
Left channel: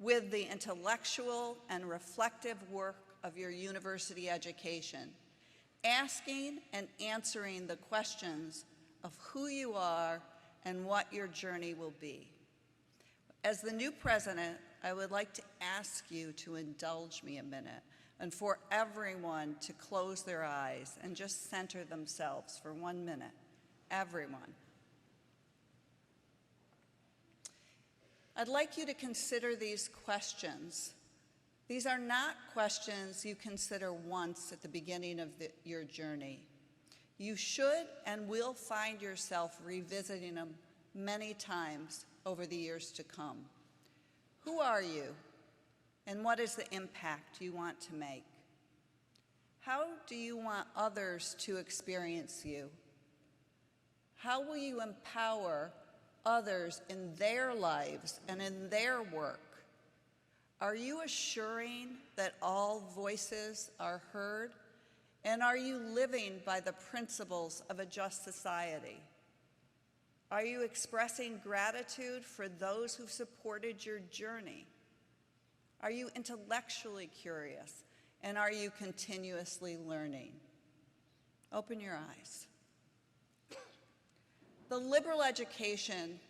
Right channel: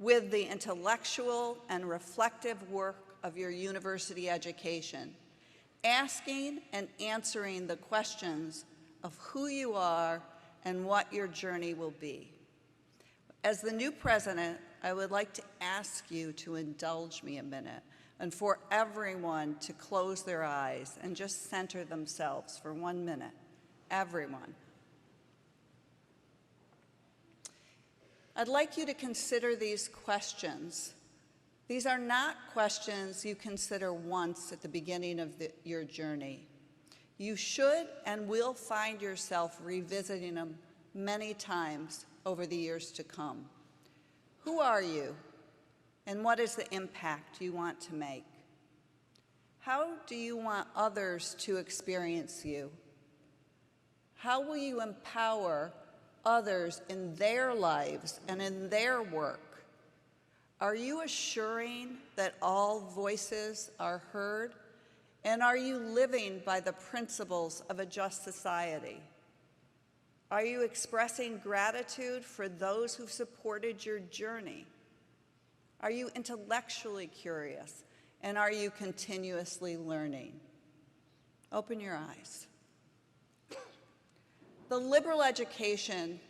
with the intellectual and reflective work of your university education, asking and answering the questions of who you are and what your journey will be. As the new president, I would like to ask you to indulge me a minute and for everyone to close their eyes and just center themselves for 1 minute. Everyone. I'd like you to consider these questions. These are not questions you consider once at the beginning of your journey. You should and will find yourself revisiting them many times over the years to come. Who are you, and what is the impact you want to make? How do you want others to experience you? How will you empower others in their lives and in their work? Are you assuring that all voices are heard? And are you living by the principles of a just society? Are you expressing gratitude for those who supported your journey? Are you intellectually curious? And are you continuously learning? Open your eyes. The liberal education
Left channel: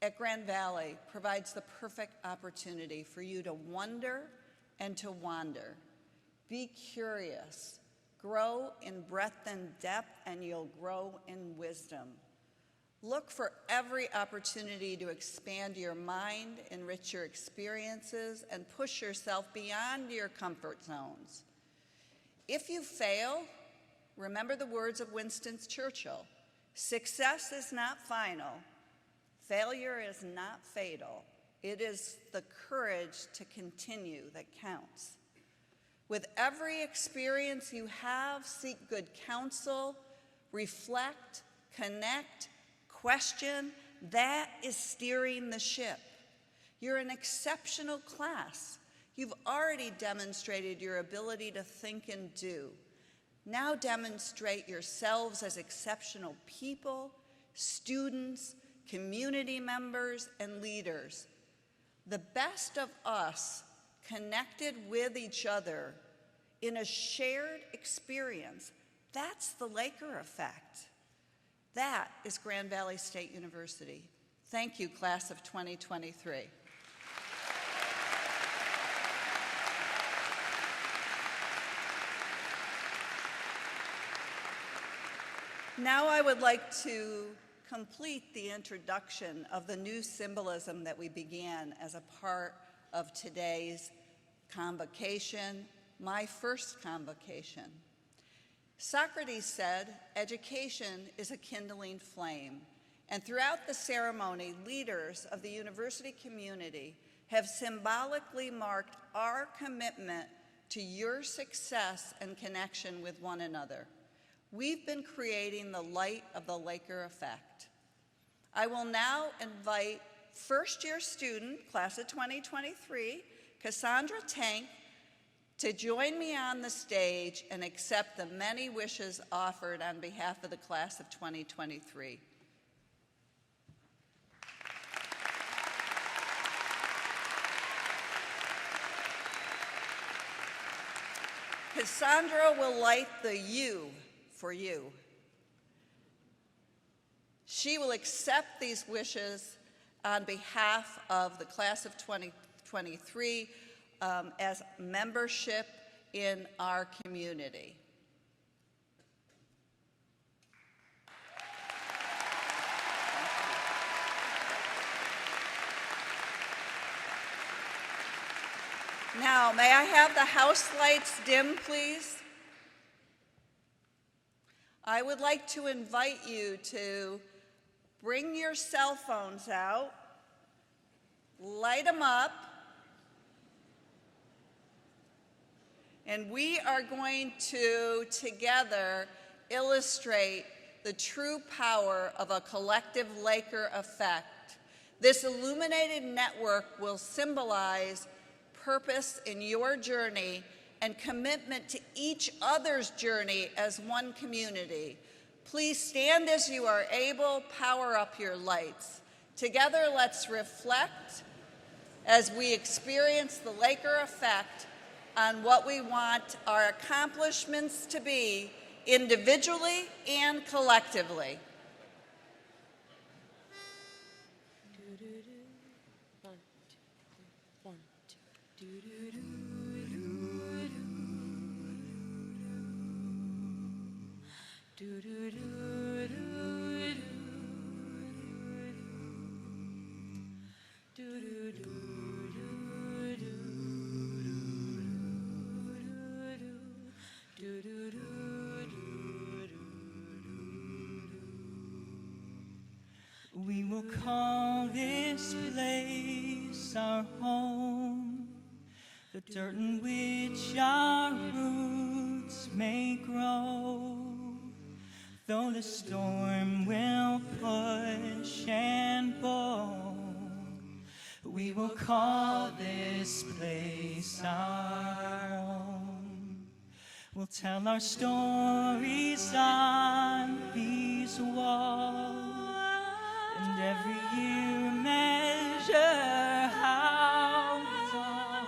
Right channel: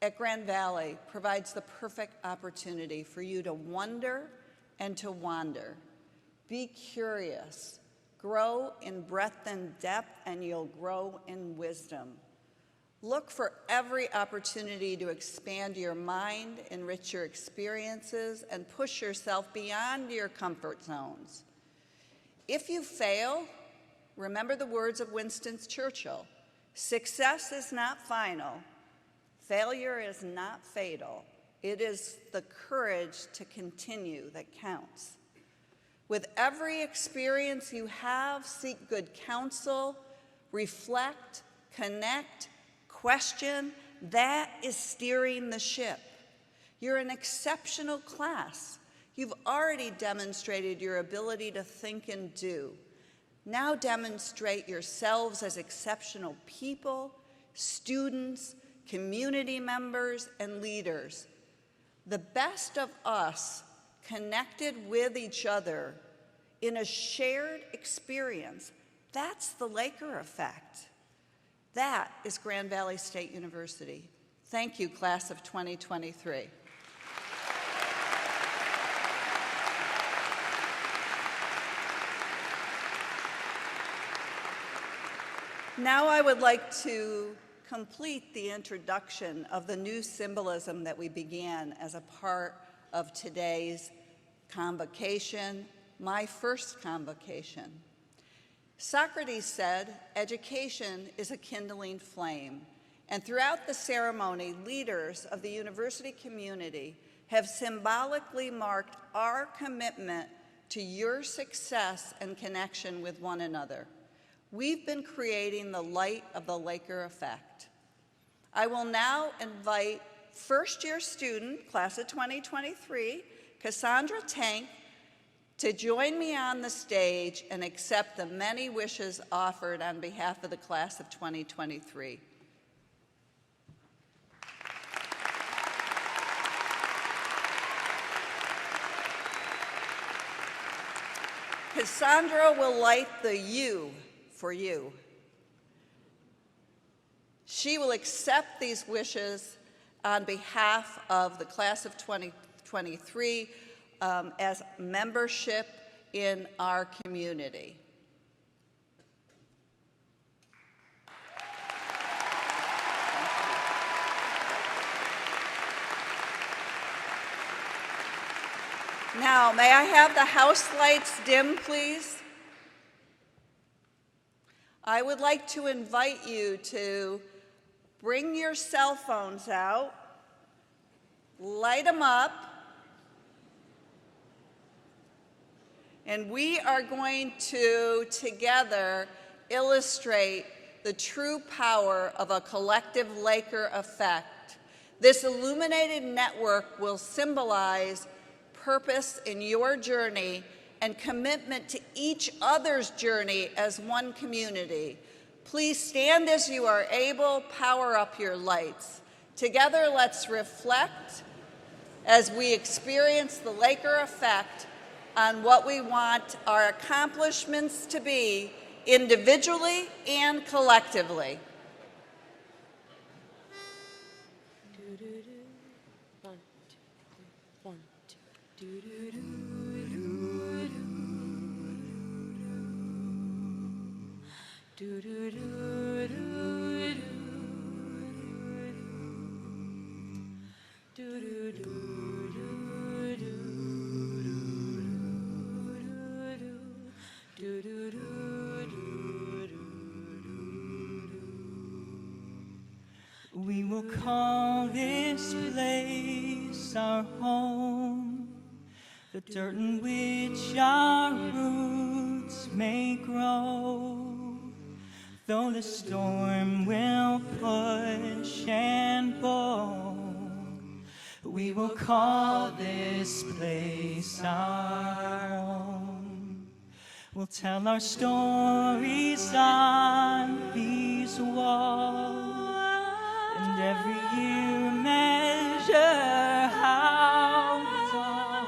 at Grand Valley provides the perfect opportunity for you to wonder and to wander. Be curious, grow in breadth and depth, and you'll grow in wisdom. Look for every opportunity to expand your mind, enrich your experiences, and push yourself beyond your comfort zones. If you fail, remember the words of Winston Churchill, success is not final. Failure is not fatal. It is the courage to continue that counts. With every experience you have, seek good counsel, reflect, connect, question. That is steering the ship. You're an exceptional class. You've already demonstrated your ability to think and do. Now demonstrate yourselves as exceptional people, students, community members, and leaders. The best of us connected with each other in a shared experience. That's the Laker effect. That is Grand Valley State University. Thank you, class of 2023. Now I would like to complete the introduction of the new symbolism that we began as a part of today's convocation, my first convocation. Socrates said, "Education is a kindling flame," and throughout the ceremony, leaders of the university community have symbolically marked our commitment to your success and connection with one another. We've been creating the light of the Laker effect. I will now invite first-year student, class of 2023, Cassandra Tank, to join me on the stage and accept the many wishes offered on behalf of the class of 2023. Cassandra will light the U for you. She will accept these wishes on behalf of the class of 2023 as membership in our community. Now, may I have the house lights dim, please? I would like to invite you to bring your cell phones out, light them up, and we are going to together illustrate the true power of a collective Laker effect. This illuminated network will symbolize purpose in your journey and commitment to each other's journey as one community. Please stand as you are able, power up your lights. Together, let's reflect as we experience the Laker effect on what we want our accomplishments to be individually and collectively. We will call this place our home, the dirt in which our roots may grow. Though the storm will push and pull, we will call this place our home. We'll tell our stories on these walls, and every year measure how tall.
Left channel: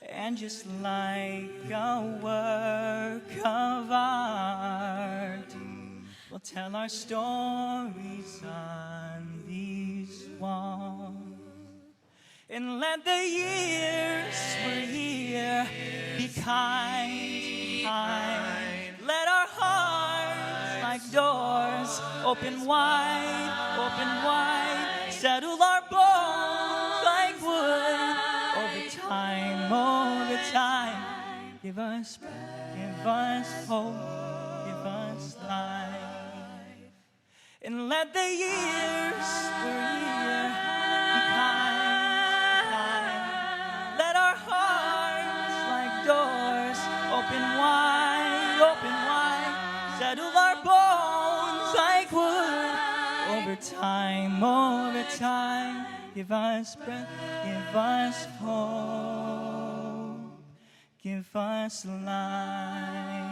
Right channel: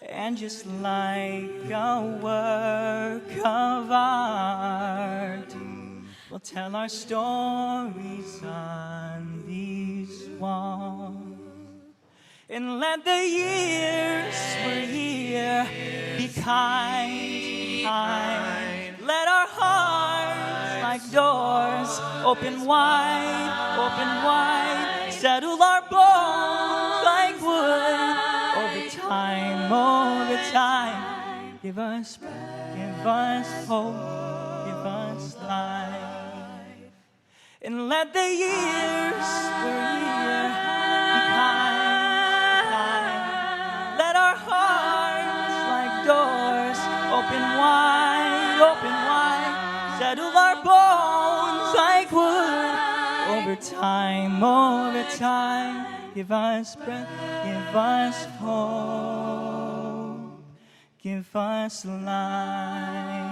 And just like a work of art, we'll tell our stories on these walls. And let the years we're here be kind. Let our hearts like doors open wide, settle our bones like wood. Over time, give us hope, give us life. And let the years we're here be kind. Let our hearts like doors open wide, settle our bones like wood. Over time, give us breath, give us hope, give us life.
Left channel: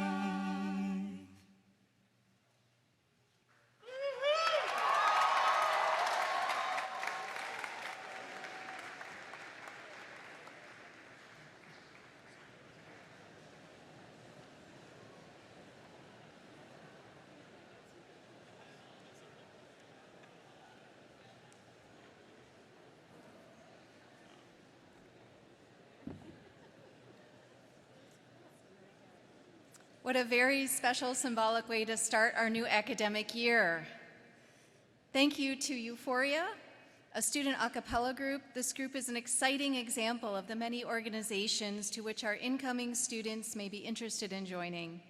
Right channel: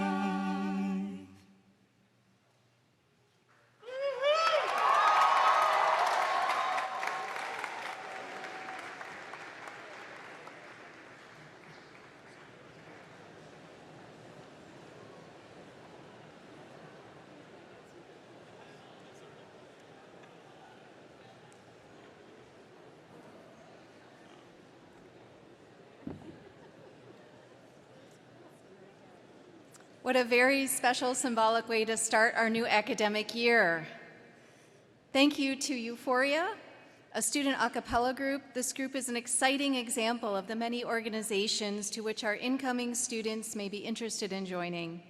What a very special symbolic way to start our new academic year. Thank you to Euphoria, a student a cappella group. This group is an exciting example of the many organizations to which our incoming students may be interested in joining.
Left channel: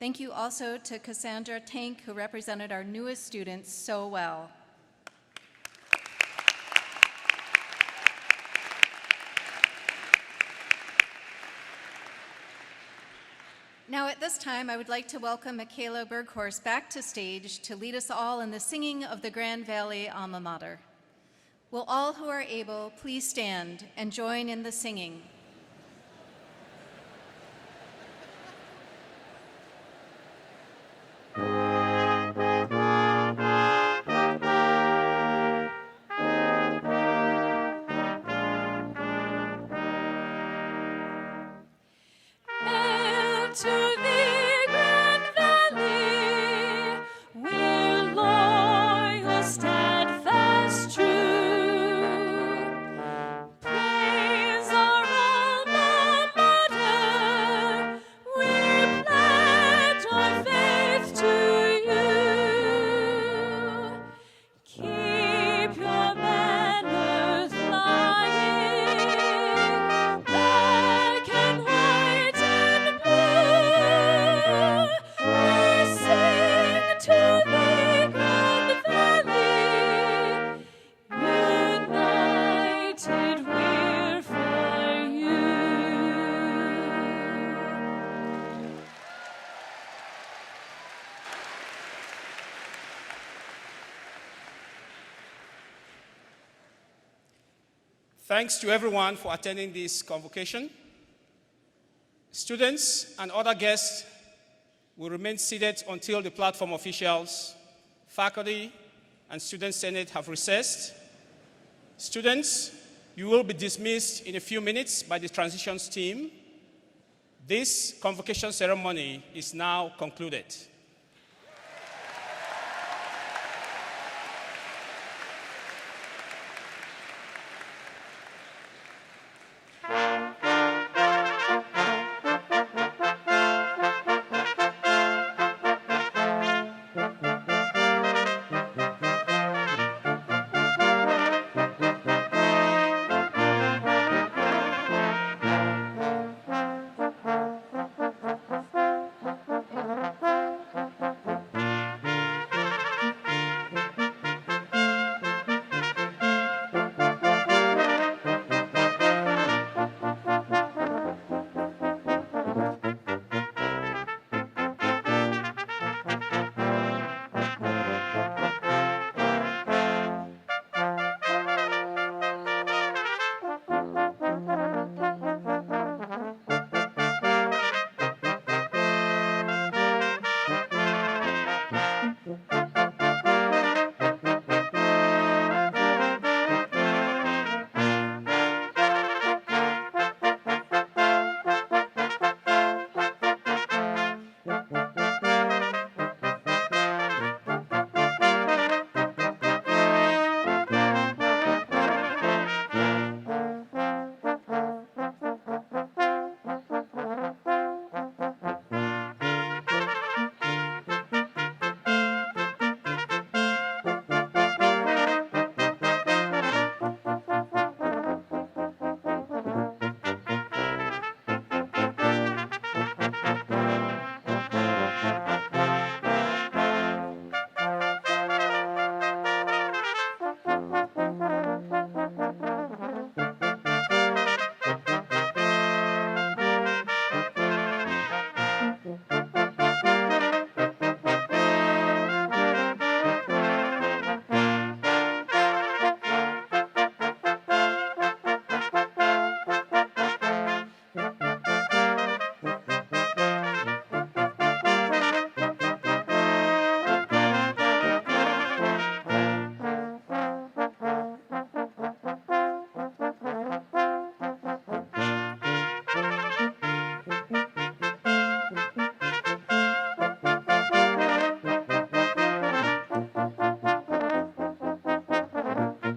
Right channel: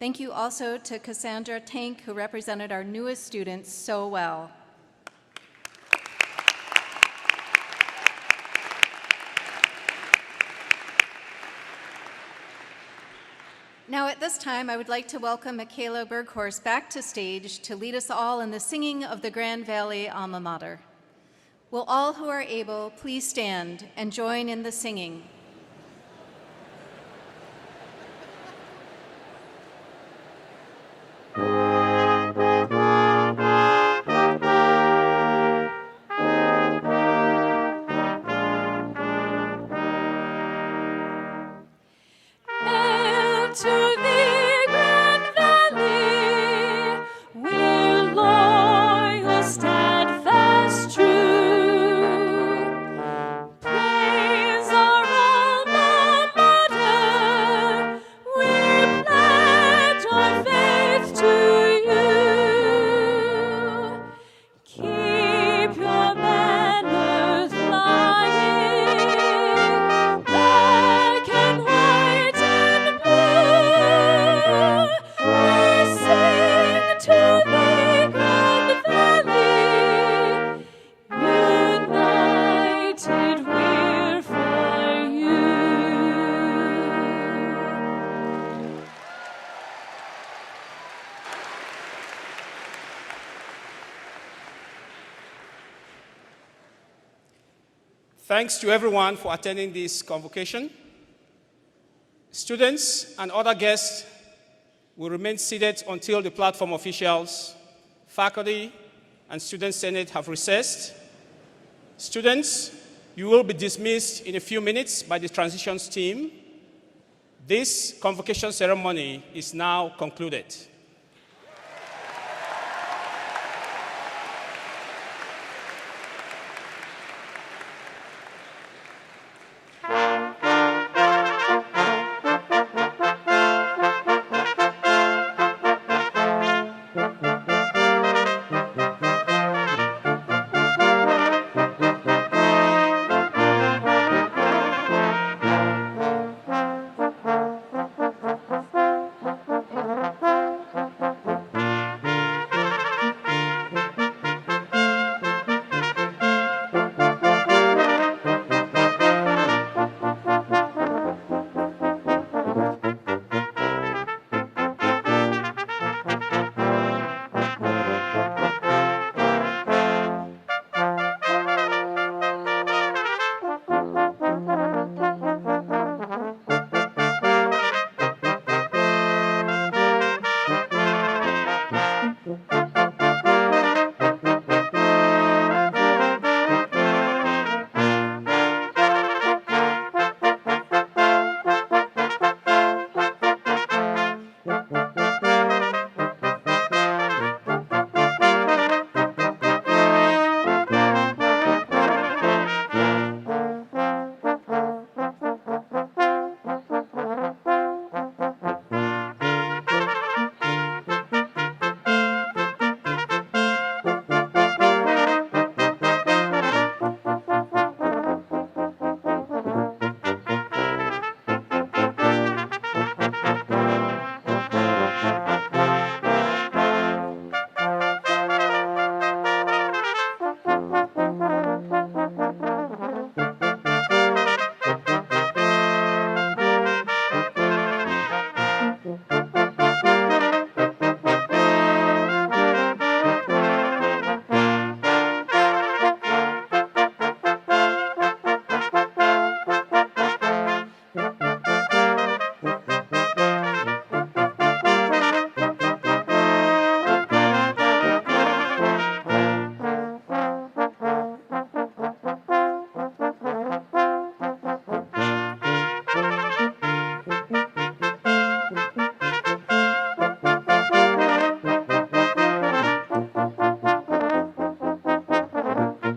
Thank you also to Cassandra Tank, who represented our newest students so well. Now at this time, I would like to welcome Michaela Berghorst back to stage to lead us all in the singing of the Grand Valley Alma Mater. Will all who are able please stand and join in the singing? Thanks to everyone for attending this convocation. Students and other guests will remain seated until the platform officials, faculty, and Student Senate have recessed. Students, you will be dismissed in a few minutes by the transitions team. This convocation ceremony is now concluded.